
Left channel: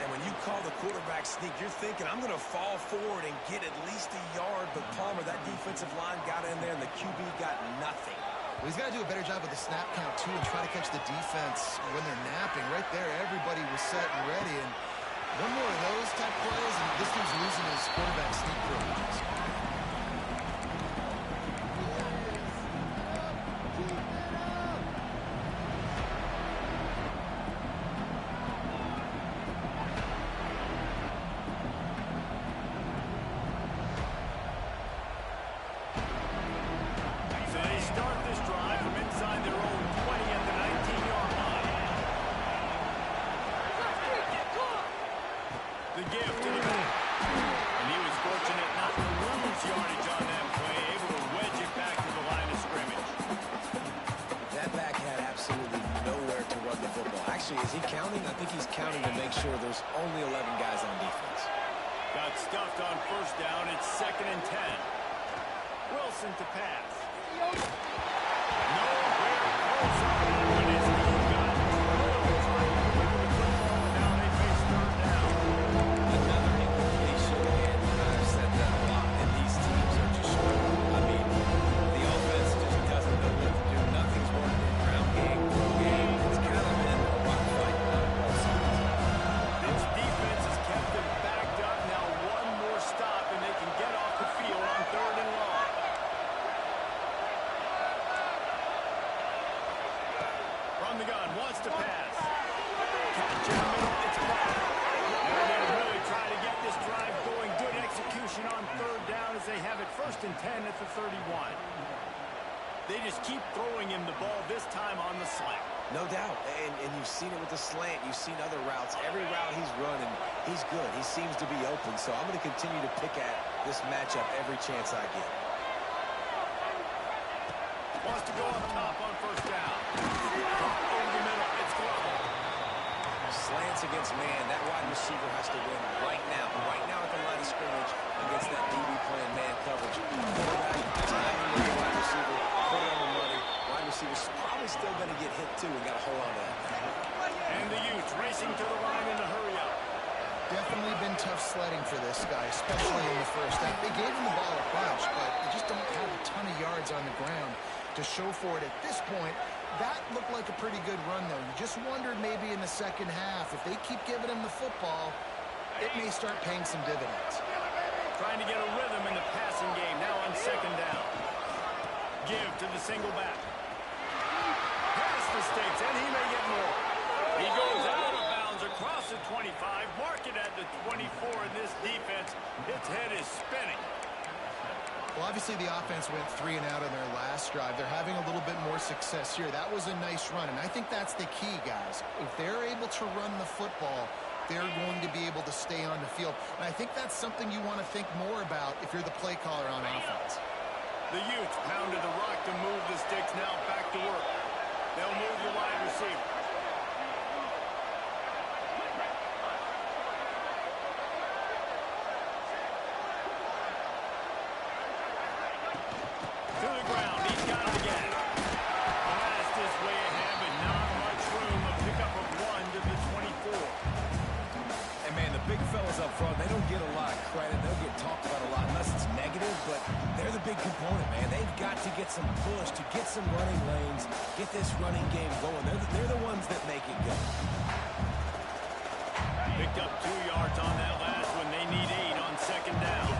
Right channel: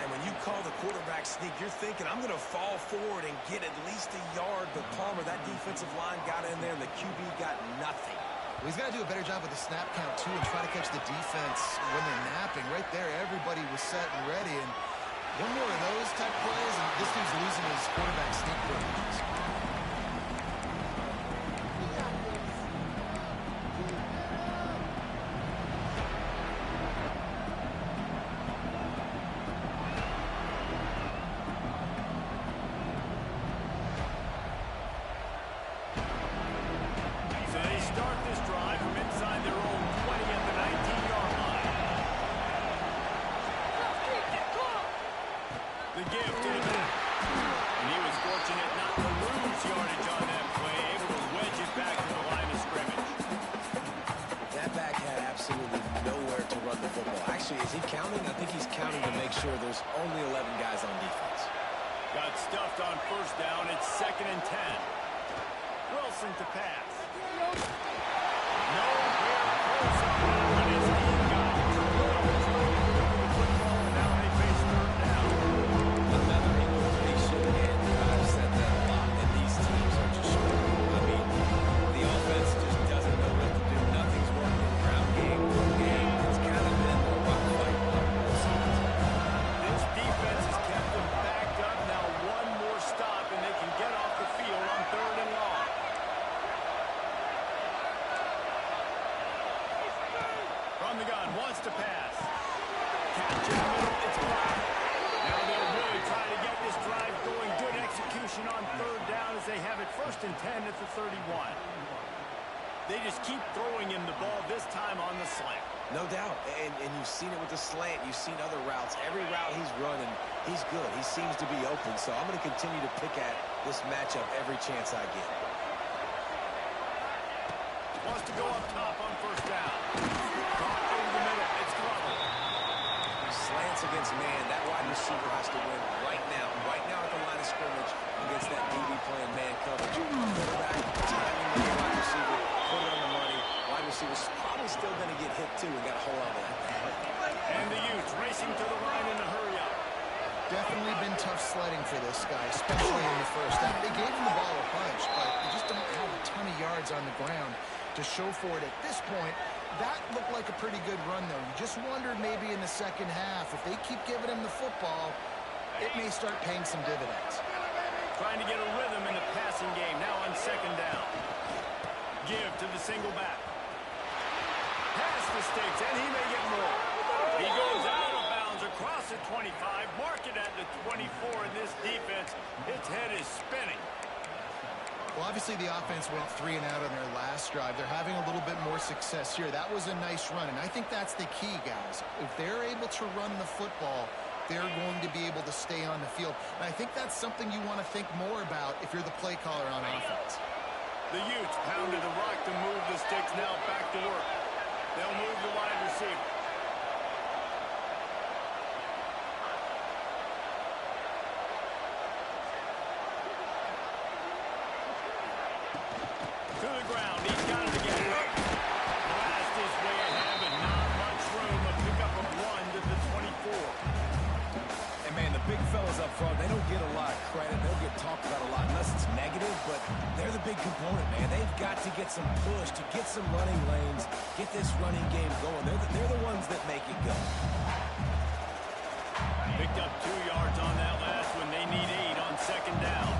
And when you call the quarterback sneak, you're thinking, I'm going to fall forward and get at least a yard. But Palmer, that defensive line got in there, and the QB got nothing. Well, he's got to do a better job with the snap count, too, and try to catch the defense when they're napping. Right there, everybody was set and ready. And one more of those type plays, and this dude's losing his quarterback sneak privileges. The give to the back. And he was fortunate not to lose yardage on that play, able to wedge it back to the line of scrimmage. That back had absolutely nowhere to run the football. Actually, is he counting? I think he's counting to make sure there's only 11 guys on defense. Got stuffed on 1st down. It's 2nd and 10. Wilson to pass. Nowhere close on that one as he got drilled trying to deliver the football, and now they face 3rd down. Another incompletion, and I've said that a lot, and these teams are just struggling. I mean, the offense just doesn't know what to do. Nothing's working. Ground game, through game. It's kind of been a rock fight on both sides. This defense has kept them backed up. Now one more stop, and they can get off the field on 3rd and long. From the gun, wants to pass. Catch in the middle, it's blocked. Now they'll really try to get this drive going. Good execution on 3rd down as they have it 1st and 10 at the 31. They just keep throwing him the ball, this time on the slant. No doubt, and you've seen it with the slant. You've seen other routes. Every route he's running, he's good. He seems to be open, so I'm going to continue to pick at this matchup every chance I get. Wants to go up top on 1st down. Caught over the middle. It's Glover. Slants against man. That wide receiver has to win right now. Right now at the line of scrimmage against that DB playing man coverage. Quarterback, timing with the wide receiver, put it on the money. Wide receiver's probably still going to get hit too and got to hold on to that. And the Utes racing to the line in a hurry up. Definitely been tough sledding for this guy, especially in the 1st half. They gave him the ball a bunch, but they just don't have a ton of yards on the ground to show for it at this point. That looked like a pretty good run, though. You just wondered maybe in the 2nd half, if they keep giving him the football, it may start paying some dividends. Trying to get a rhythm in the passing game, now on 2nd down. Give to the single back. Pass the sticks, and he may get more. He goes out of bounds across the 25, mark it at the 24, and this defense, its head is spinning. Well, obviously the offense went 3 and out on their last drive. They're having a little bit more success here. That was a nice run, and I think that's the key, guys. If they're able to run the football, they're going to be able to stay on the field. And I think that's something you want to think more about if you're the play caller on offense. The Utes pounded the rock to move the sticks, now back to work. They'll move the wide receiver. To the ground, he's got it again. Blast his way ahead, but not much room. A pickup of 1 to the 25. up front, they don't get a lot of credit. They'll get talked about a lot unless it's negative, but they're the big component, man. They've got to get some push to get some running lanes, get this running game going. They're the ones that make it go. Picked up 2 yards on that last one. They need 8 on second down.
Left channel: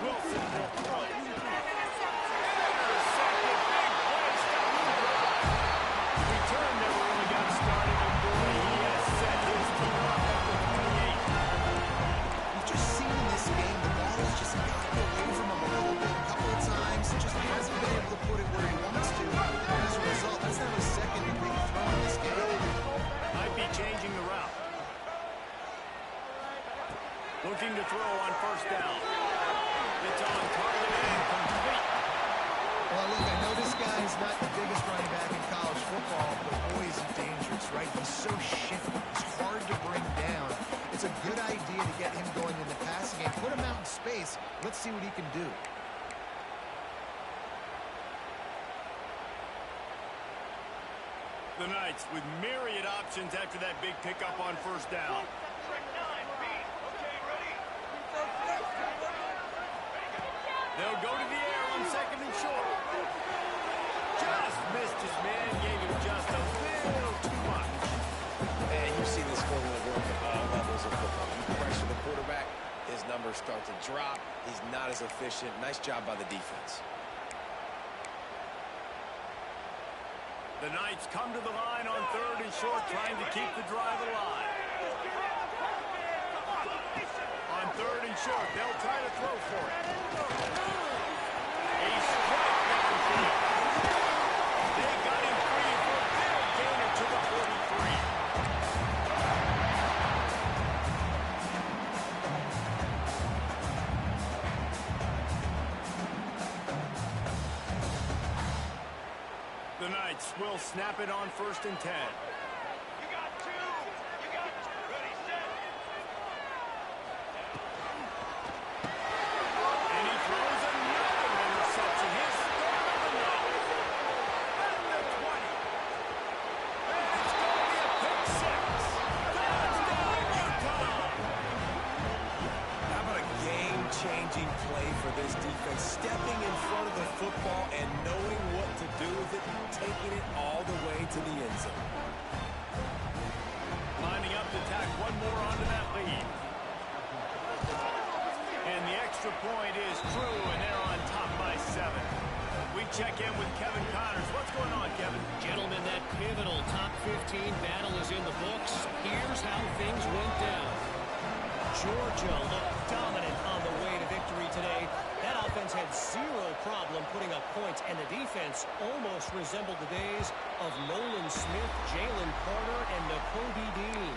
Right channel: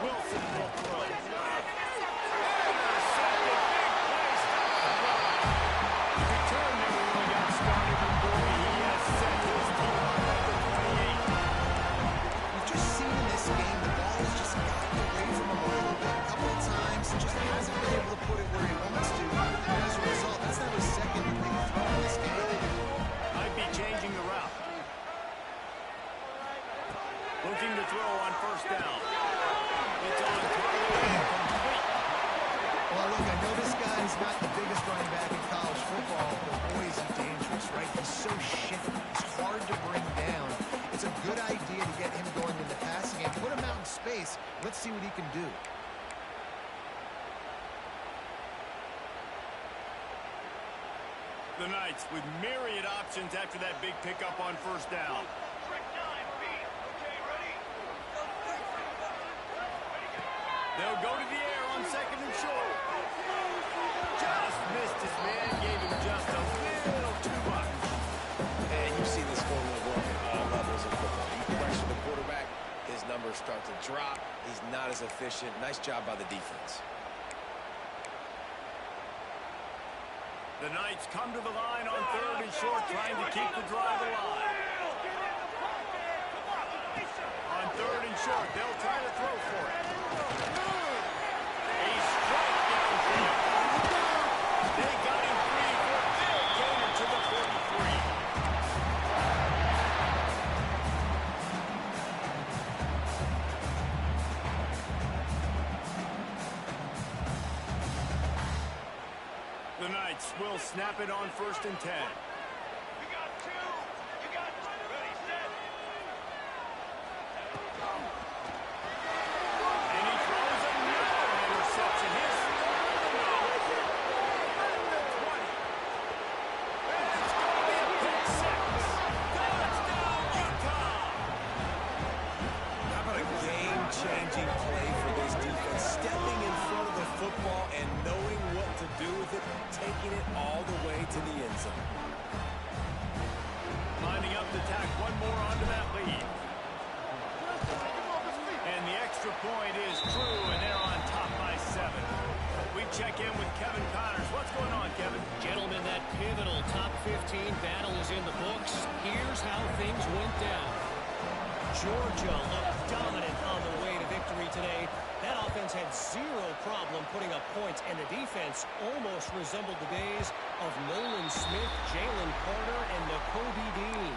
Wilson will throw. Intercepted. Big play. Stopping the drive. The return never really got started, but boy, he has set his team up at the 28. You've just seen in this game, the ball has just gotten away from him a little bit. A couple of times, just hasn't been able to put it where he wants to. And as a result, that's now his second big throw in this game. Might be changing the route. Looking to throw on first down. It's on target and complete. Well, look, I know this guy's not the biggest running back in college football, but boy, is he dangerous, right? He's so shifty. He's hard to bring down. It's a good idea to get him going in the passing game. Put him out in space. Let's see what he can do. The Knights with myriad options after that big pickup on first down. They'll go to the air on second and short. Just missed his man, gave him just a little too much. And you see this formula work at all levels of football. You pressure the quarterback, his numbers start to drop. He's not as efficient. Nice job by the defense. The Knights come to the line on third and short, trying to keep the drive alive. On third and short, they'll try to throw for it. A strike downfield. They got him free for a big gainer to the 43. The Knights will snap it on first and 10. You got 2. You got 2. Ready, set. And he throws another interception. His start of the night. And the 20. And it's going to be a pick 6. Touchdown, Utah. How about a game-changing play for this defense? Stepping in front of the football and knowing what to do with it, taking it all the way to the end zone. Lining up to tack one more onto that lead. And the extra point is true, and they're on top by 7. We check in with Kevin Connors. What's going on, Kevin? Gentlemen, that pivotal top 15 battle is in the books. Here's how things went down. Georgia looked dominant on the way to victory today. That offense had zero problem putting up points, and the defense almost resembled the days of Nolan Smith, Jalen Carter, and Nakobe Dean.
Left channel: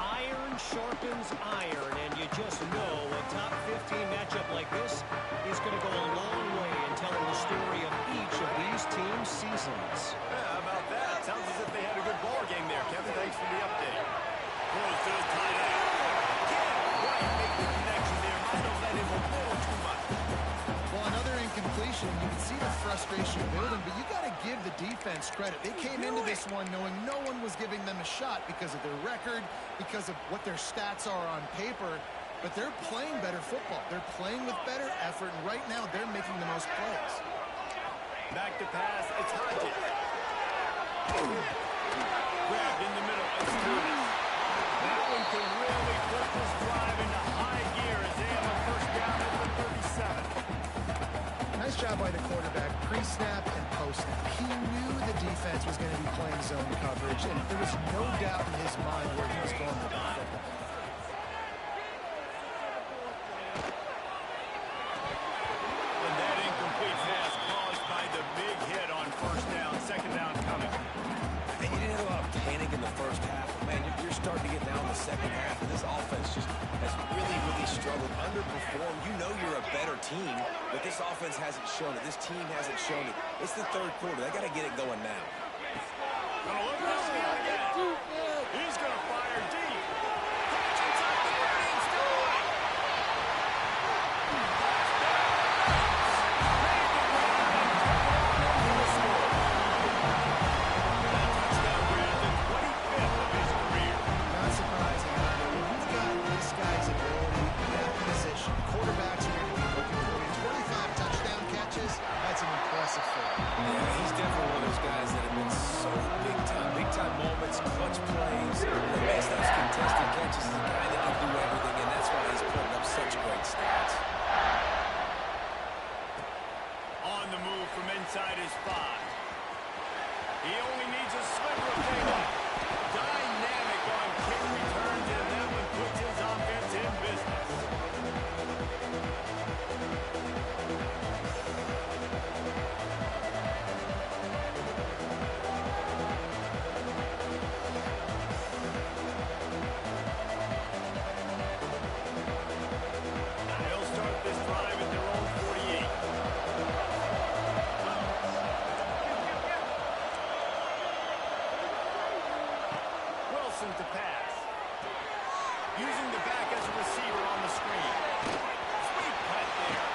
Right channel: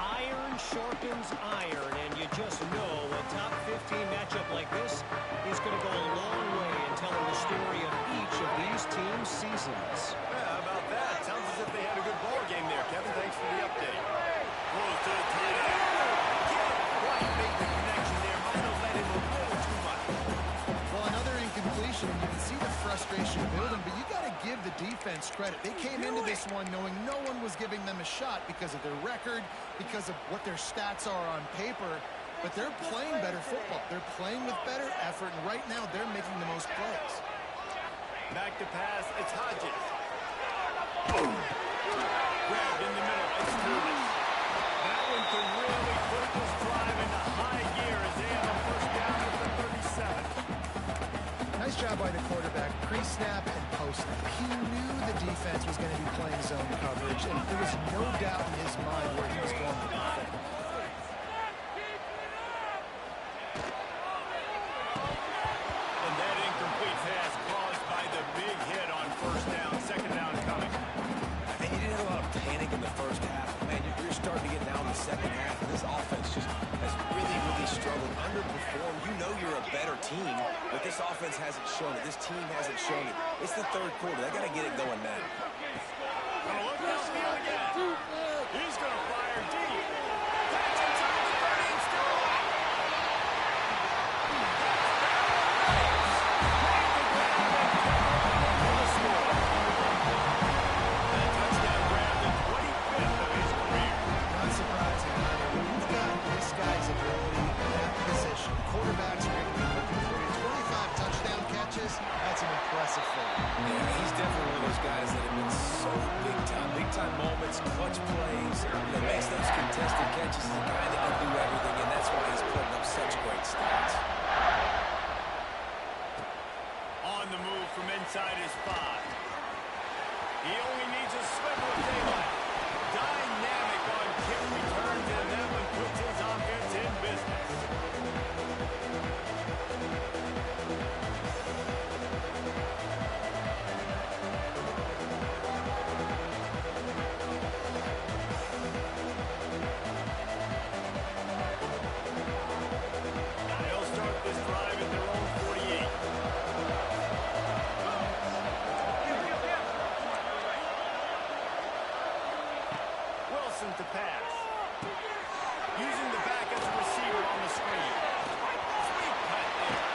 Iron sharpens iron, and you just know a top 15 matchup like this is going to go a long way in telling the story of each of these teams' seasons. Yeah, how about that? Sounds as if they had a good ball game there, Kevin. Thanks for the update. Throws to the tight end. Can't quite make the connection there. Might have let him a little too much. Well, another incompletion, and you can see the frustration building, but you got to give the defense credit. They came into this one knowing no one was giving them a shot because of their record, because of what their stats are on paper, but they're playing better football. They're playing with better effort, and right now they're making the most plays. Back to pass. It's Hodges. Grabbed in the middle. It's Thomas. That one can really put this drive into high gear as they have a first down at the 37. Nice job by the quarterback, pre-snap and post-snap. He knew the defense was going to be playing zone coverage, and there was no doubt in his mind where he was going with the football. And that incomplete pass caused by the big hit on first down. Second down coming. And you didn't have a lot of panic in the first half. Man, you're starting to get now in the second half, and this offense just has really, really struggled, underperformed. You know you're a better team, but this offense hasn't shown it. This team hasn't shown it. It's the third quarter. They got to get it going now. Gonna look downfield again. He's gonna fire deep. Catch inside the 30 and still alive. Touchdown, Knights. Made the grab and took it on into the score. just the guy that can do everything, and that's why he's putting up such great stats. On the move from inside his 5. He only needs a sliver of daylight. Dynamic on kick returns, and that one puts his offense in business. They'll start this drive at their own 48. Wilson to pass. Using the back as a receiver on the screen. Sweet cut there.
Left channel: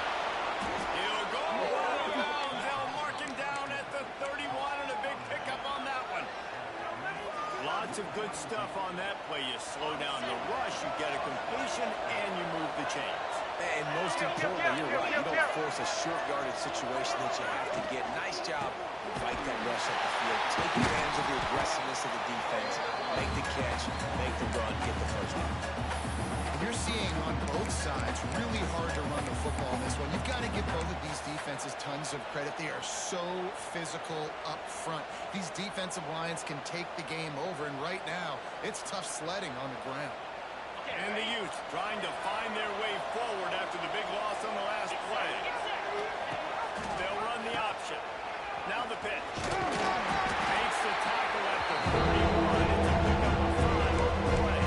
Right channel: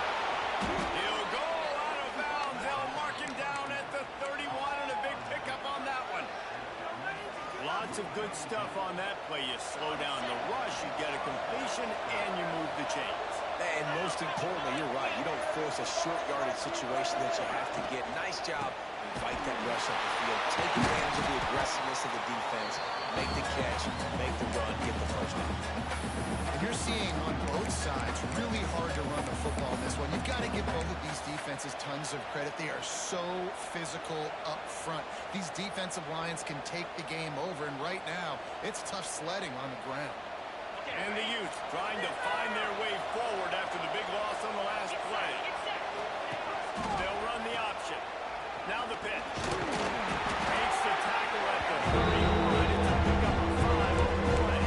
He'll go out of bounds. They'll mark him down at the 31, and a big pickup on that one. Lots of good stuff on that play. You slow down the rush, you get a completion, and you move the chains. And most importantly, you're right. You don't force a short yardage situation that you have to get. Nice job. Fight that rush up the field. Take advantage of the aggressiveness of the defense. Make the catch, make the run, get the first down. And you're seeing on both sides really hard to run the football in this one. You've got to give both of these defenses tons of credit. They are so physical up front. These defensive lines can take the game over, and right now, it's tough sledding on the ground. And the Utes trying to find their way forward after the big loss on the last play. They'll run the option. Now the pitch. Makes the tackle at the 31. It's a pickup of 5 on the play.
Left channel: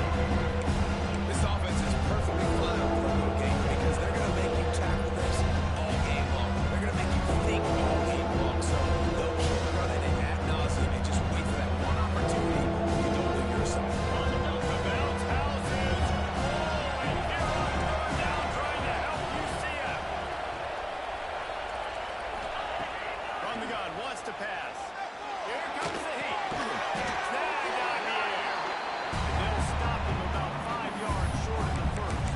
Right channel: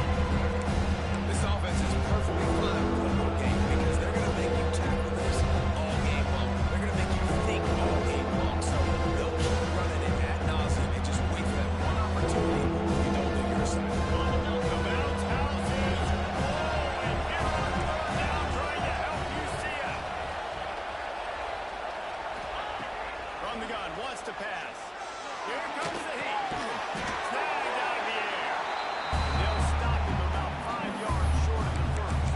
This offense is perfectly fine with a little game because they're going to make you tackle this all game long. They're going to make you think all game long. So they'll keep running it ad nauseum and just wait for that one opportunity when you don't do your side. The bounce house is rolling here on 3rd down, trying to help UCF. From the gun, wants to pass. Here comes the heat. Snagged out of the air. And they'll stop him about 5 yards short of the first.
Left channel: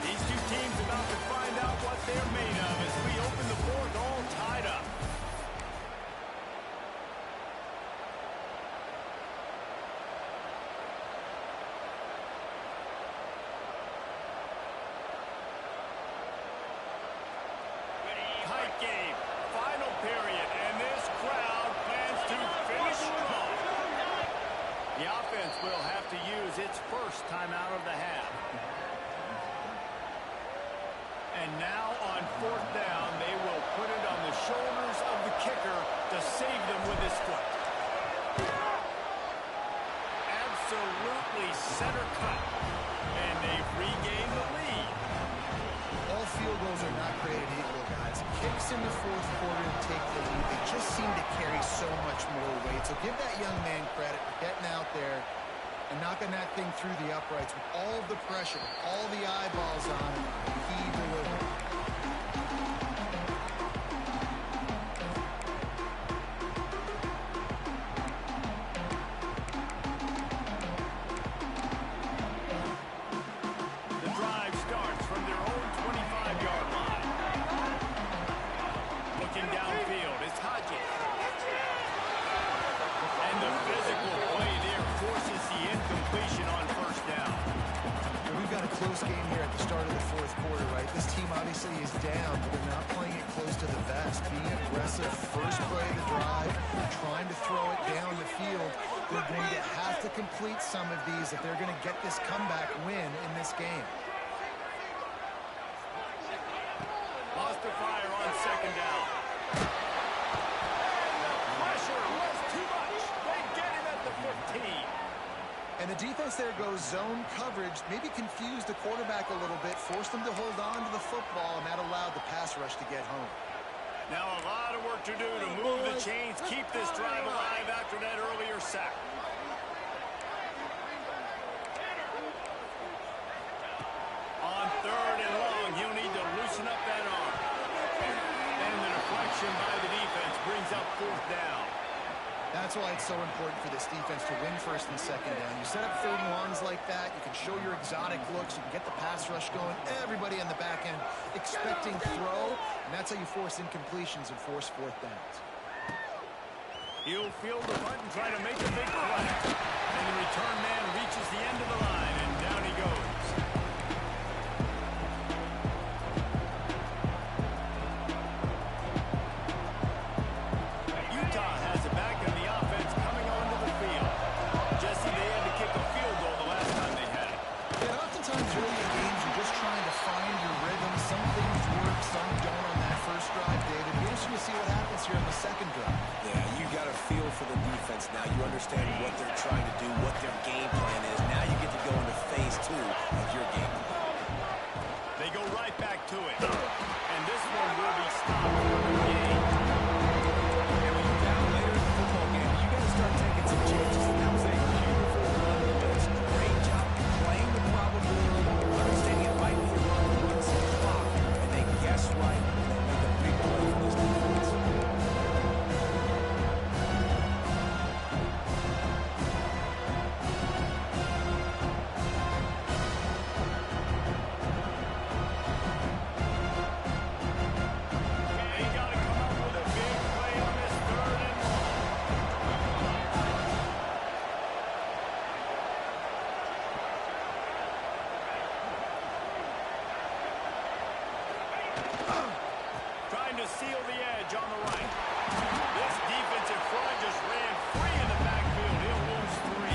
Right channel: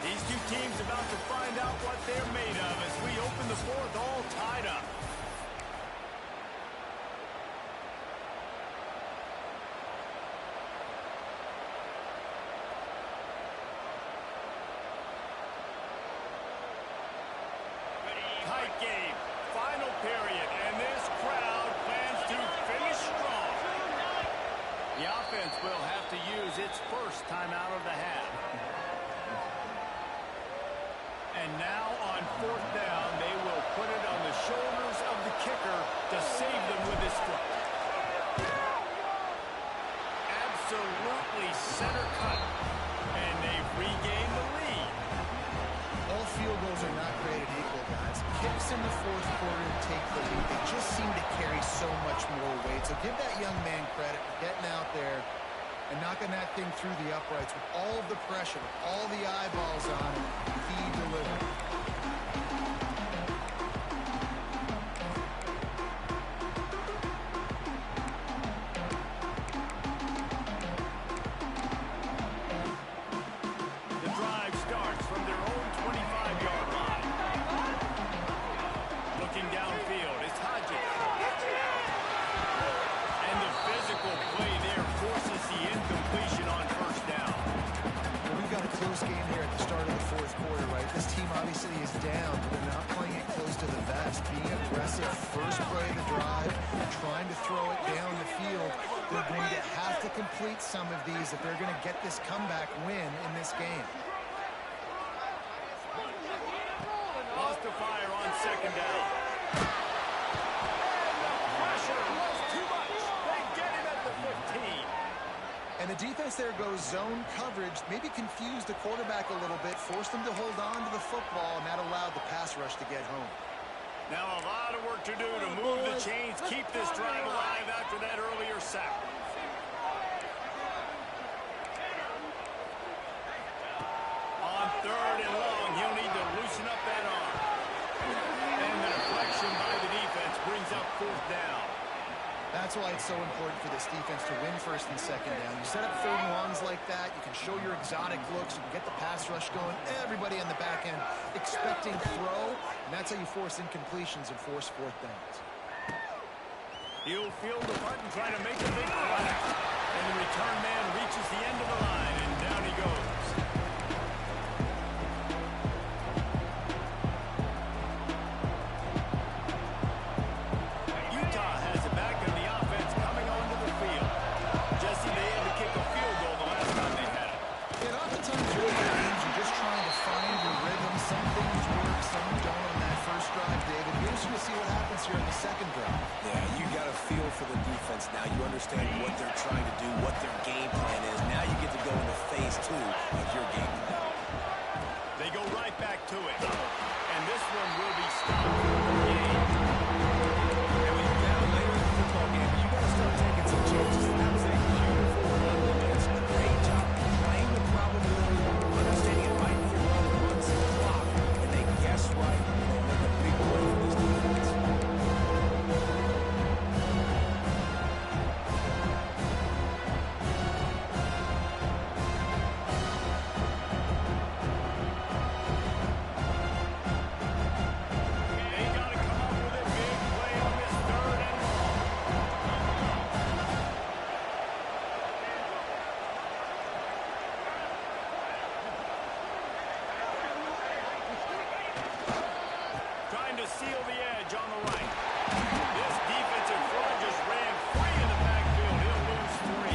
These two teams about to find out what they're made of as we open the 4th all tied up. Tight game, final period, and this crowd plans to finish strong. The offense will have to use its first timeout of the half. And now on 4th down, they will put it on the shoulders of the kicker to save them with his foot. Absolutely center cut, and they've regained the lead. All field goals are not created equal, guys. Kicks in the 4th quarter take the lead. They just seem to carry so much more weight. So give that young man credit for getting out there and knocking that thing through the uprights with all of the pressure, with all the eyeballs on him. He delivered. The drive starts from their own 25-yard line. Looking downfield, it's Hodges. And the physical play there forces the incompletion on 1st down. Well, we've got a close game here at the start of the 4th quarter, right? This team obviously is down, but they're not playing it close to the vest. Being aggressive, first play of the drive, trying to throw it down the field. They're going to have to complete some of these if they're going to get this comeback win in this game. Lost to fire on 2nd down. And the pressure was too much. They get him at the 15. And the defense there goes zone coverage, maybe confused the quarterback a little bit, forced him to hold on to the football, and that allowed the pass rush to get home. Now a lot of work to do to move the chains, keep this drive alive after that earlier sack. On 3rd and long, he'll need to loosen up that arm. And the deflection by the defense brings up 4th down. That's why it's so important for this defense to win first and second down. You set up third and longs like that, you can show your exotic looks, you can get the pass rush going, everybody on the back end expecting throw, and that's how you force incompletions and force fourth downs. He'll field the punt and try to make a big play. And the return man reaches the end of the line, and down he goes. Utah has it back in the offense coming onto the field. Jesse, they had to kick a field goal the last time they had it. Yeah, oftentimes early in games, you're just trying to find your rhythm. Some things work, some don't on that first drive, David. Be interesting to see what happens here in the second drive. Yeah, you got a feel for the defense now. You understand what they're trying to do, what their game plan is. Now you get to go into phase 2 of your game plan. They go right back to it. And this one will be stopped for the game. And when you're down later in the football game, you got to start taking some chances. And that was a beautiful run blitz. Great job playing the probability, understanding it might be a run some clock, and they guess right, and they make a big play for this defense. They got to come up with a big play on this third and long. Trying to seal the edge on the right. This defensive front just ran free in the backfield. He'll lose 3.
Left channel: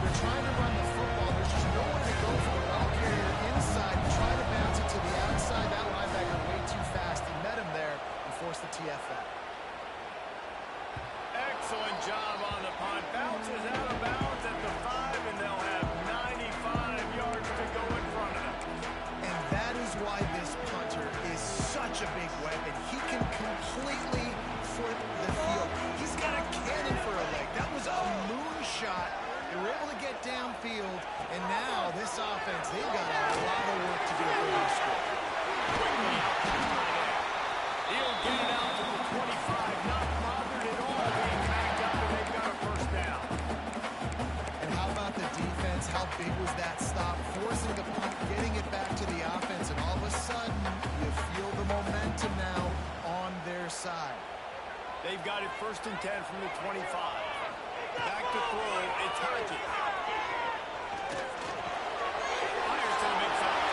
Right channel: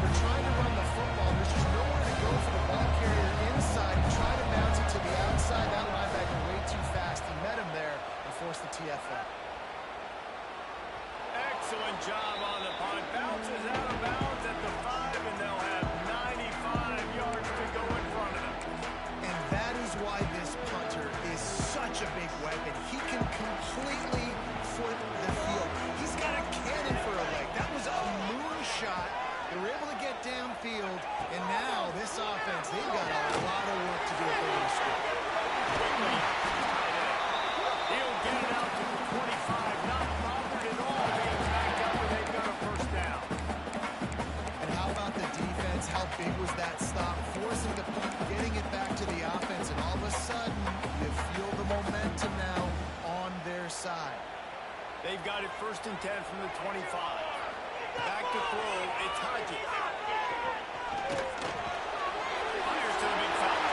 They're trying to run the football. There's just nowhere to go for the ball carrier inside. He tried to bounce it to the outside. That linebacker way too fast. He met him there and forced the TFL. Excellent job on the punt. Bounces out of bounds at the 5, and they'll have 95 yards to go in front of them. And that is why this punter is such a big weapon. He can completely foot the field. He's got a cannon for a leg. That was a moonshot. They were able to get downfield, and now this offense, they've got a lot of work to do if they're going to score. Quickly out to the tight end. He'll get it out to the 25, not bothered at all being backed up, and they've got a first down. And how about the defense? How big was that stop? Forcing the punt, getting it back to the offense, and all of a sudden, you feel the momentum now on their side. They've got it 1st and 10 from the 25. Back to throw. It's Hodges. Fires to the big fella.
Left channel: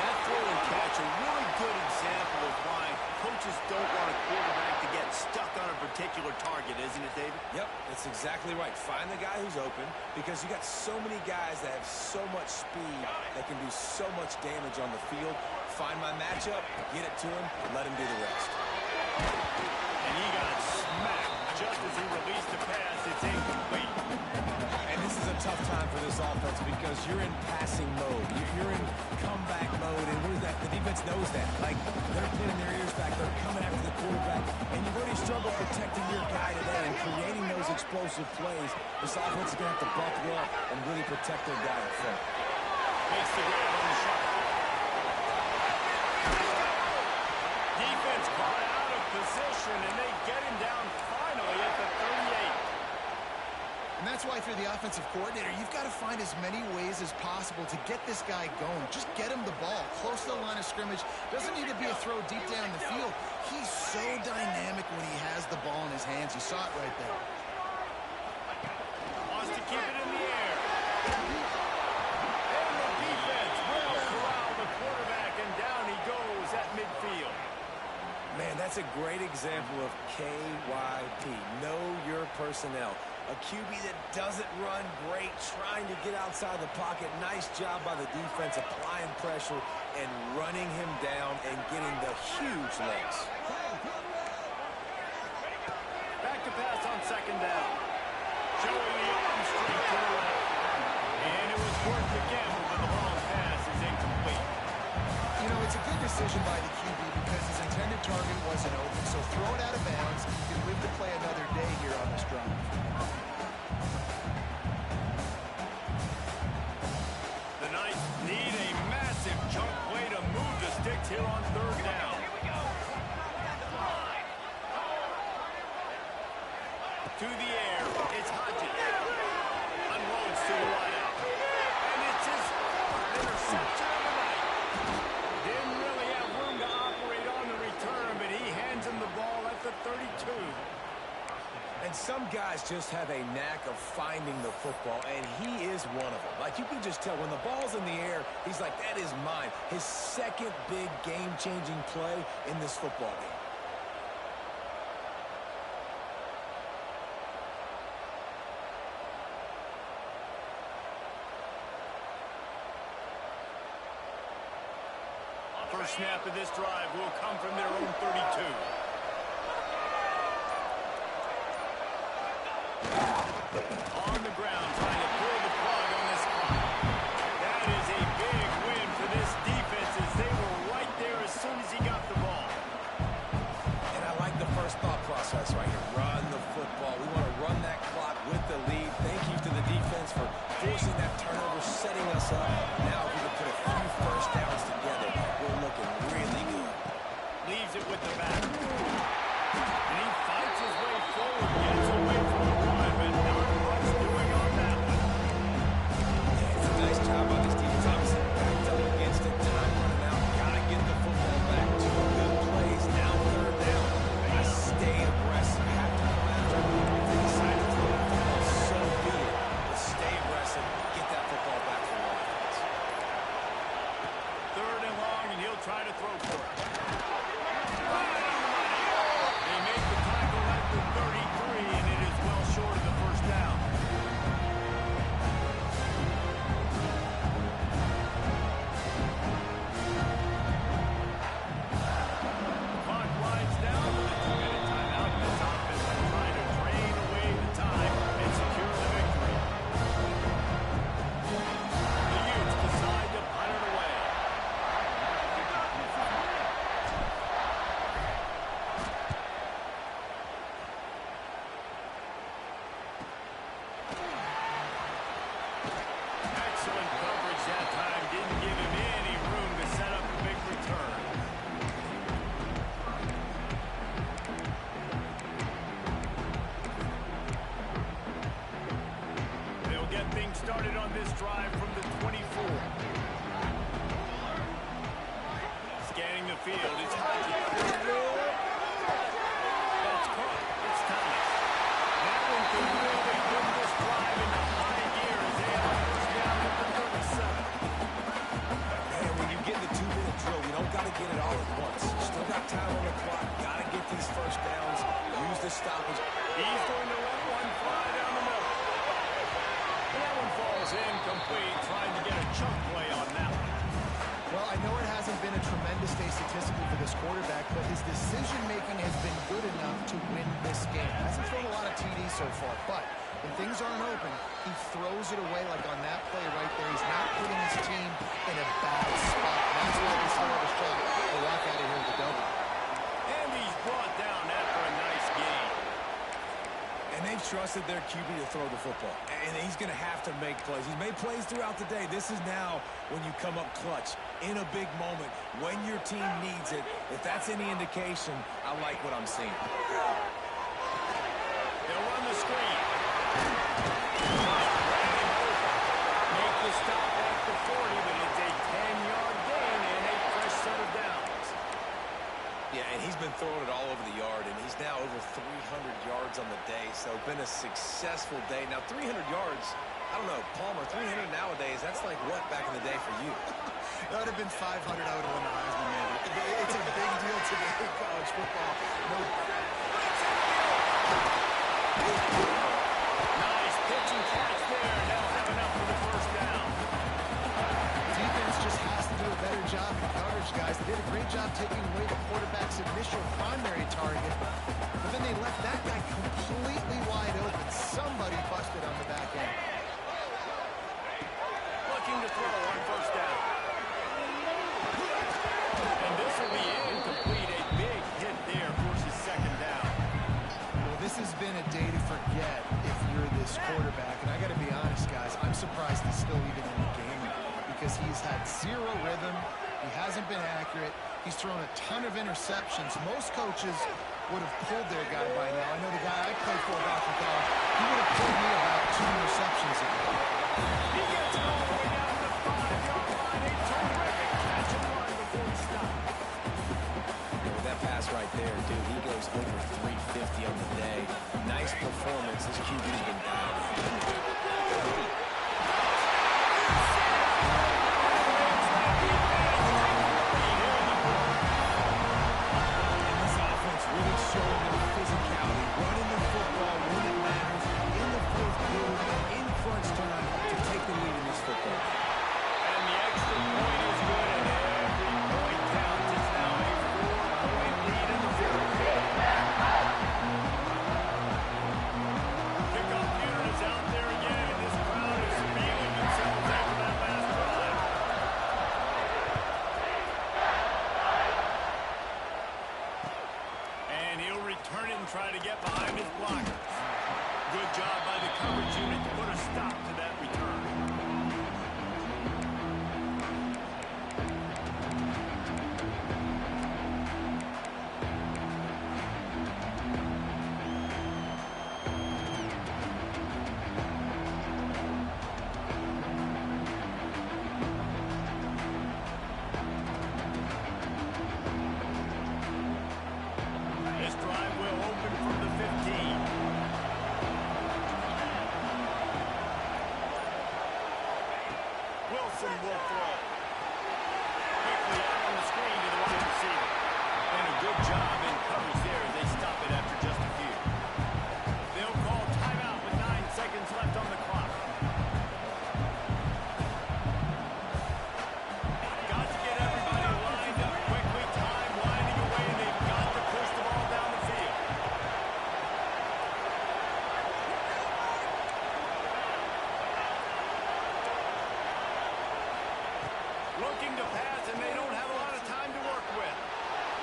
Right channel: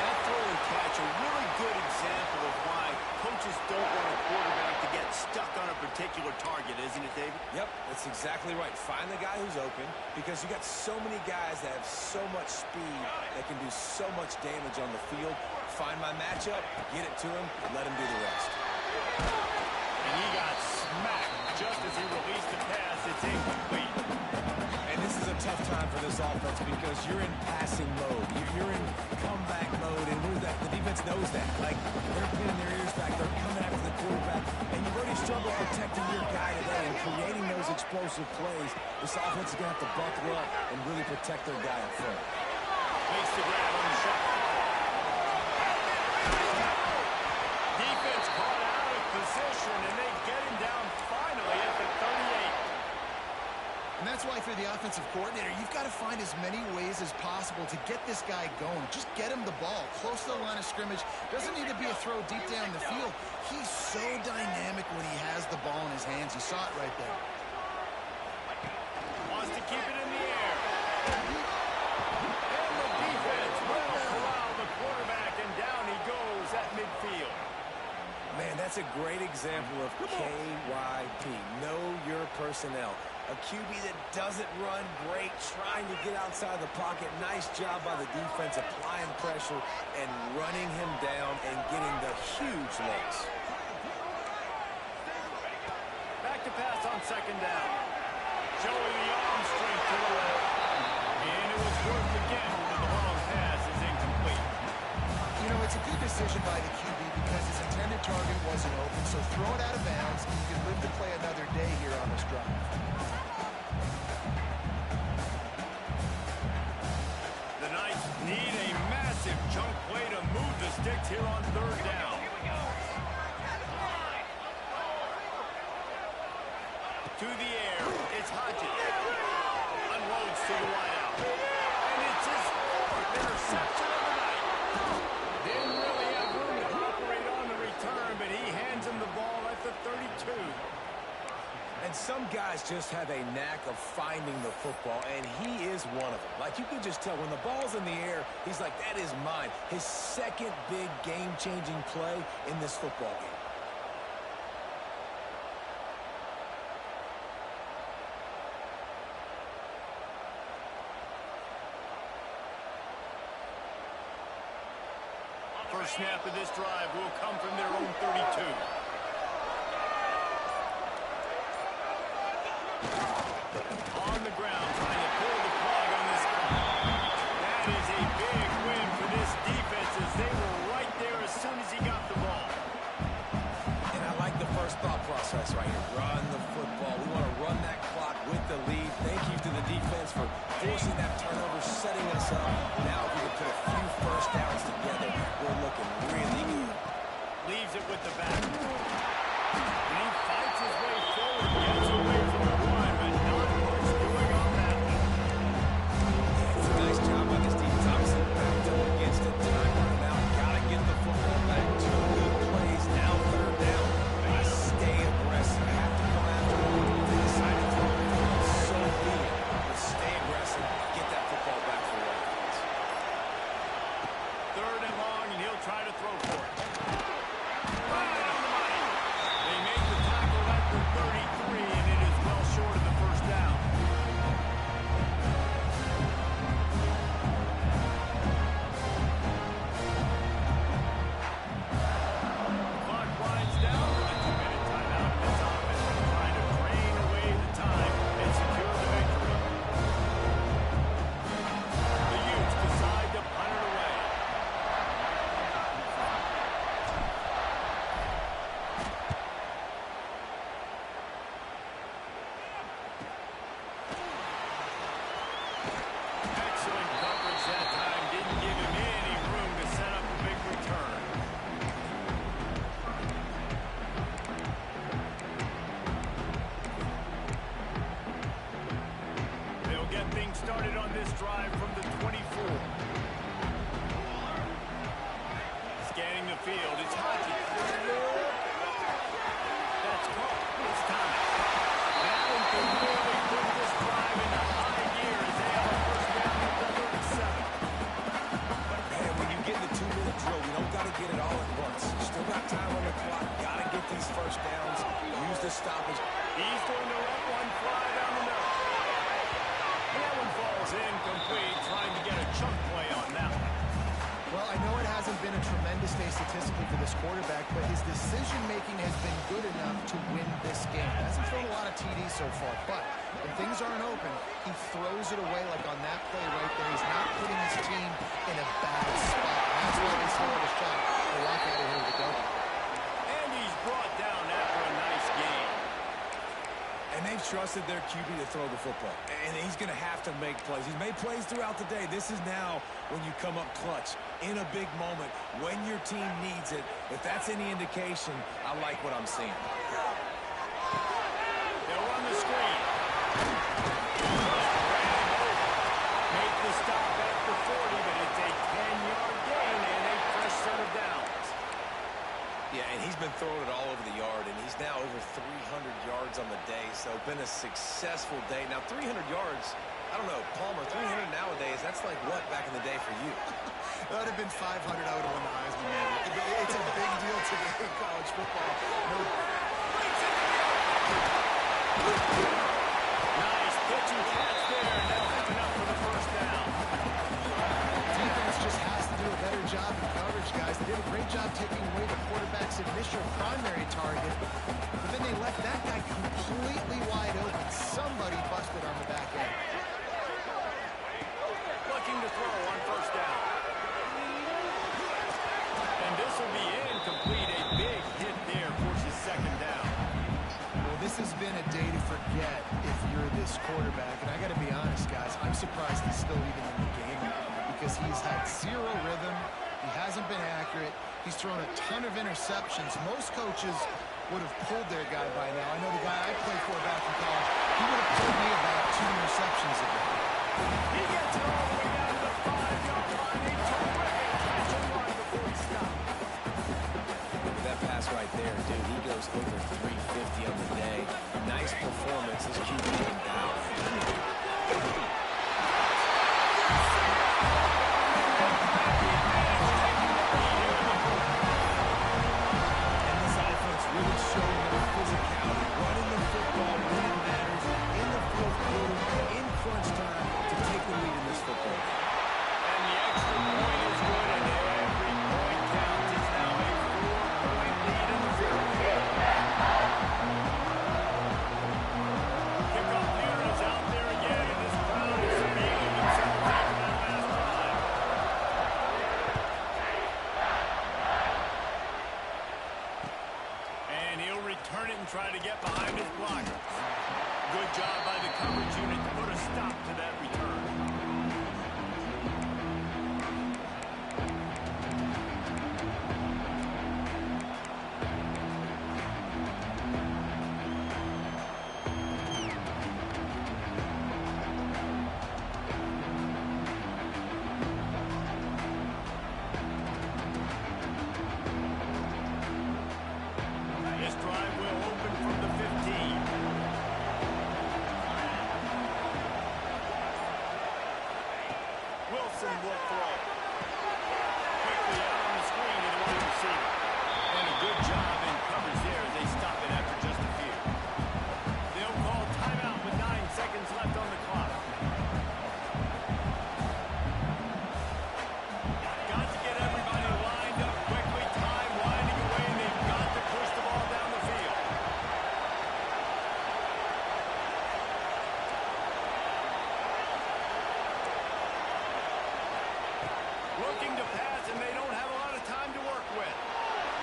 That throw and catch, a really good example of why coaches don't want a quarterback to get stuck on a particular target, isn't it, David? Yep, that's exactly right. Find the guy who's open, because you got so many guys that have so much speed that can do so much damage on the field. Find my matchup, get it to him, and let him do the rest. And he got smacked just as he released the pass. It's incomplete. And this is a tough time for this offense because you're in passing mode. You're in comeback mode, and what is that? The defense knows that. Like, they're pinning their ears back. They're coming after the quarterback, and you've already struggled protecting your guy today and creating those explosive plays. This offense is going to have to buckle up and really protect their guy up front. Makes the grab on the shot. Defense caught out of position, and they get him down finally at the 38. And that's why if you're the offensive coordinator, you've got to find as many ways as possible to get this guy going. Just get him the ball close to the line of scrimmage. Doesn't need to be a throw deep down the field. He's so dynamic when he has the ball in his hands. You saw it right there. Wants to keep it in the air. And the defense will corral the quarterback, and down he goes at midfield. Man, that's a great example of KYP. Know your personnel. A QB that doesn't run great, trying to get outside the pocket. Nice job by the defense, applying pressure and running him down and getting the huge looks. Back to pass on 2nd down. Showing the arm strength to the left. And it was worth the gamble, but the long pass is incomplete. You know, it's a good decision by the QB because his intended target wasn't open, so throw it out of bounds, and you can live to play another day here on this drive. The Knights need a massive chunk play to move the sticks here on 3rd down. To the air, it's Hodges. Unloads to the wideout. And it's his fourth interception of the night. Didn't really have room to operate on the return, but he hands him the ball at the 32. And some guys just have a knack of finding the football, and he is one of them. Like, you can just tell when the ball's in the air, he's like, that is mine. His second big game-changing play in this football game. First snap of this drive will come from their own 32. On the ground, trying to pull the plug on this clock. That is a big win for this defense as they were right there as soon as he got the ball. And I like the first thought process right here. Run the football. We want to run that clock with the lead. Thank you to the defense for forcing that turnover, setting us up. Now if we can put a few first downs together, we're looking really good. Leaves it with the back. And he fights his way forward, gets away from the run, but not much doing on that one. Yeah, it's a nice job by this defense. Obviously backed up against it. Time running out. Got to get the football back. Two good plays. Now third down. I stay aggressive. Have to come after them. If they decide to throw the football, so be it. But stay aggressive. Get that football back for your offense. Third and long, and he'll try to throw for it. Right on the money. They make the tackle at the 33, and it is well short of the first down. The clock winds down with a 2-minute timeout, and this offense will try to drain away the time and secure the victory. The Utes decide to punt it away. Excellent coverage that time. Didn't give him any room to set up a big return. They'll get things started on this drive from the 24. Scanning the field, it's Hodges. That's caught. It's Thomas. That one could really put this drive into high gear as they have a first down at the 37. Man, when you get in the 2-minute drill, you don't got to get it all at once. Still got time on the clock. Got to get these first downs. Use the stoppage. He's going to let one fly down the middle. And that one falls incomplete, trying to get a chunk play on that one. Well, I know it hasn't been a tremendous day statistically for this quarterback, but his decision-making has been good enough to win this game. Hasn't thrown a lot of TDs so far, but when things aren't open, he throws it away like on that play right there. He's not putting his team in a bad spot. That's why they still have a shot to walk out of here with a double. And he's brought down after a nice game. And they've trusted their QB to throw the football. And he's going to have to make plays. He's made plays throughout the day. This is now when you come up clutch in a big moment when your team needs it. If that's any indication, I like what I'm seeing. They'll run the screen. Ran him over. Make the stop at the 40, but it's a 10-yard gain and a fresh set of downs. Yeah, and he's been throwing it all over the yard, and he's now over 300 yards on the day, so been a successful day. Now, 300 yards, I don't know, Palmer, 300 nowadays, that's like what back in the day for you? That would have been 500. I would have won the Heisman, man. It's a big deal today in college football. No. Nice pitch and catch there, and they'll have enough for the first down. Defense just has to do a better job in coverage, guys. They did a great job taking away the quarterback's initial primary target, but then they left that guy completely wide open. Somebody busted on the back end. Looking to throw on first down. And this will be incomplete. A big hit there forces second down. Well, this has been a day to forget if you're this quarterback. And I got to be honest, guys, I'm surprised he's still even in the game because he's had zero rhythm. He hasn't been accurate. He's thrown a ton of interceptions. Most coaches would have pulled their guy by now. I know the guy I played for back in college, he would have pulled me about 2 receptions ago. He gets it all the way down to the 5-yard line. A terrific catch and run before he stopped. With that pass right there, dude, he goes over 350 on the day. Nice performance. This QB's been down. Really showing their physicality, running the football when it matters, in the fourth quarter, in crunch time, to take the lead in this football game. And the extra point is good, and every point counts. It's now a 4-point lead in the field. Kickoff unit is out there again, and this crowd is feeling themselves after that last drive. And he'll return it and try to get behind his blockers. Good job by the coverage unit to put a stop to that return. This drive will open from the 15. Wilson will throw. Quickly out on the screen to the wide receiver. And a good job in coverage there as they stop it after just a few. They'll call timeout with 9 seconds left on the clock. Got to get everybody lined up quickly. Time winding away, and they've got to push the ball down the field. Looking to pass, and they don't have a lot of time to work with.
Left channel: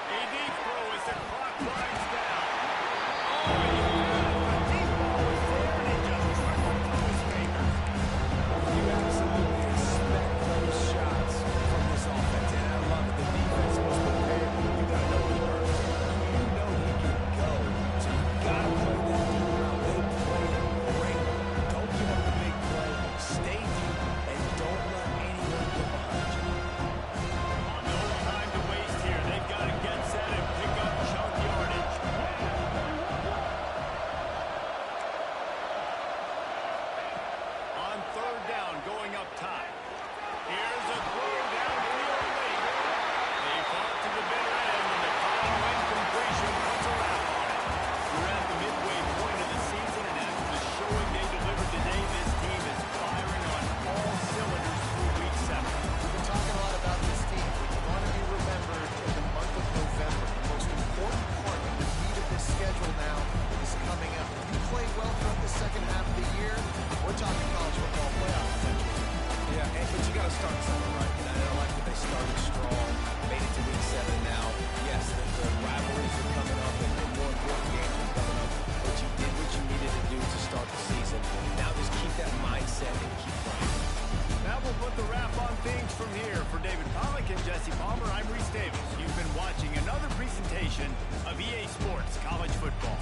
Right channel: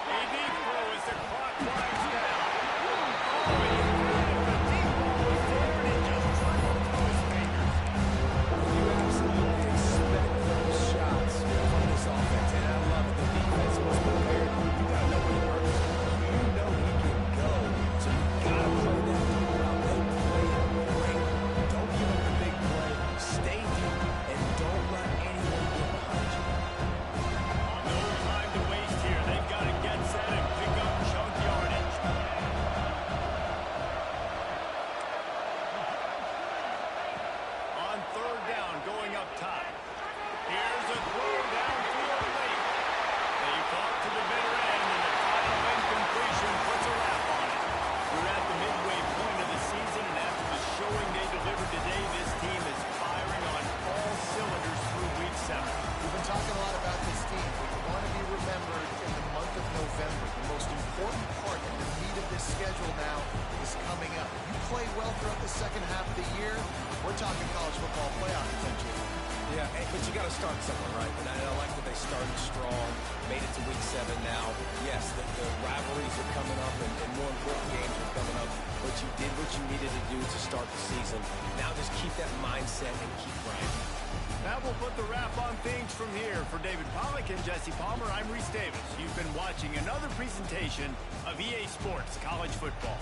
A deep throw as the clock winds down. Oh, he had it. The deep ball was there, and it just trickled through his fingers. You absolutely expect those shots from this offense, and I love it. The defense was prepared. You got to know where he works. You know he can go, so you got to play that deep route. They play it great. Don't give up the big play. Stay deep, and don't let anyone get behind you. No time to waste here. They've got to get set and pick up chunk yardage. On third down, going up top. Here's a throw downfield late. They fought to the bitter end, and the final incompletion puts a wrap on it. We're at the midway point of the season, and after the showing they delivered today, this team is firing on all cylinders through week 7. We've been talking a lot about this team, but you want to be remembered in the month of November. The most important part and the meat of this schedule now is coming up. You play well throughout the second half of the year, we're talking college football playoff potentially. Yeah, but you got to start somewhere, right? And I like that they started strong, made it to week 7 now. Yes, the rivalries are coming up, and more important games are coming up. But you did what you needed to do to start the season. Now just keep that mindset and keep grinding. That will put the wrap on things from here. For David Pollack and Jesse Palmer, I'm Reese Davis. You've been watching another presentation of EA Sports College Football.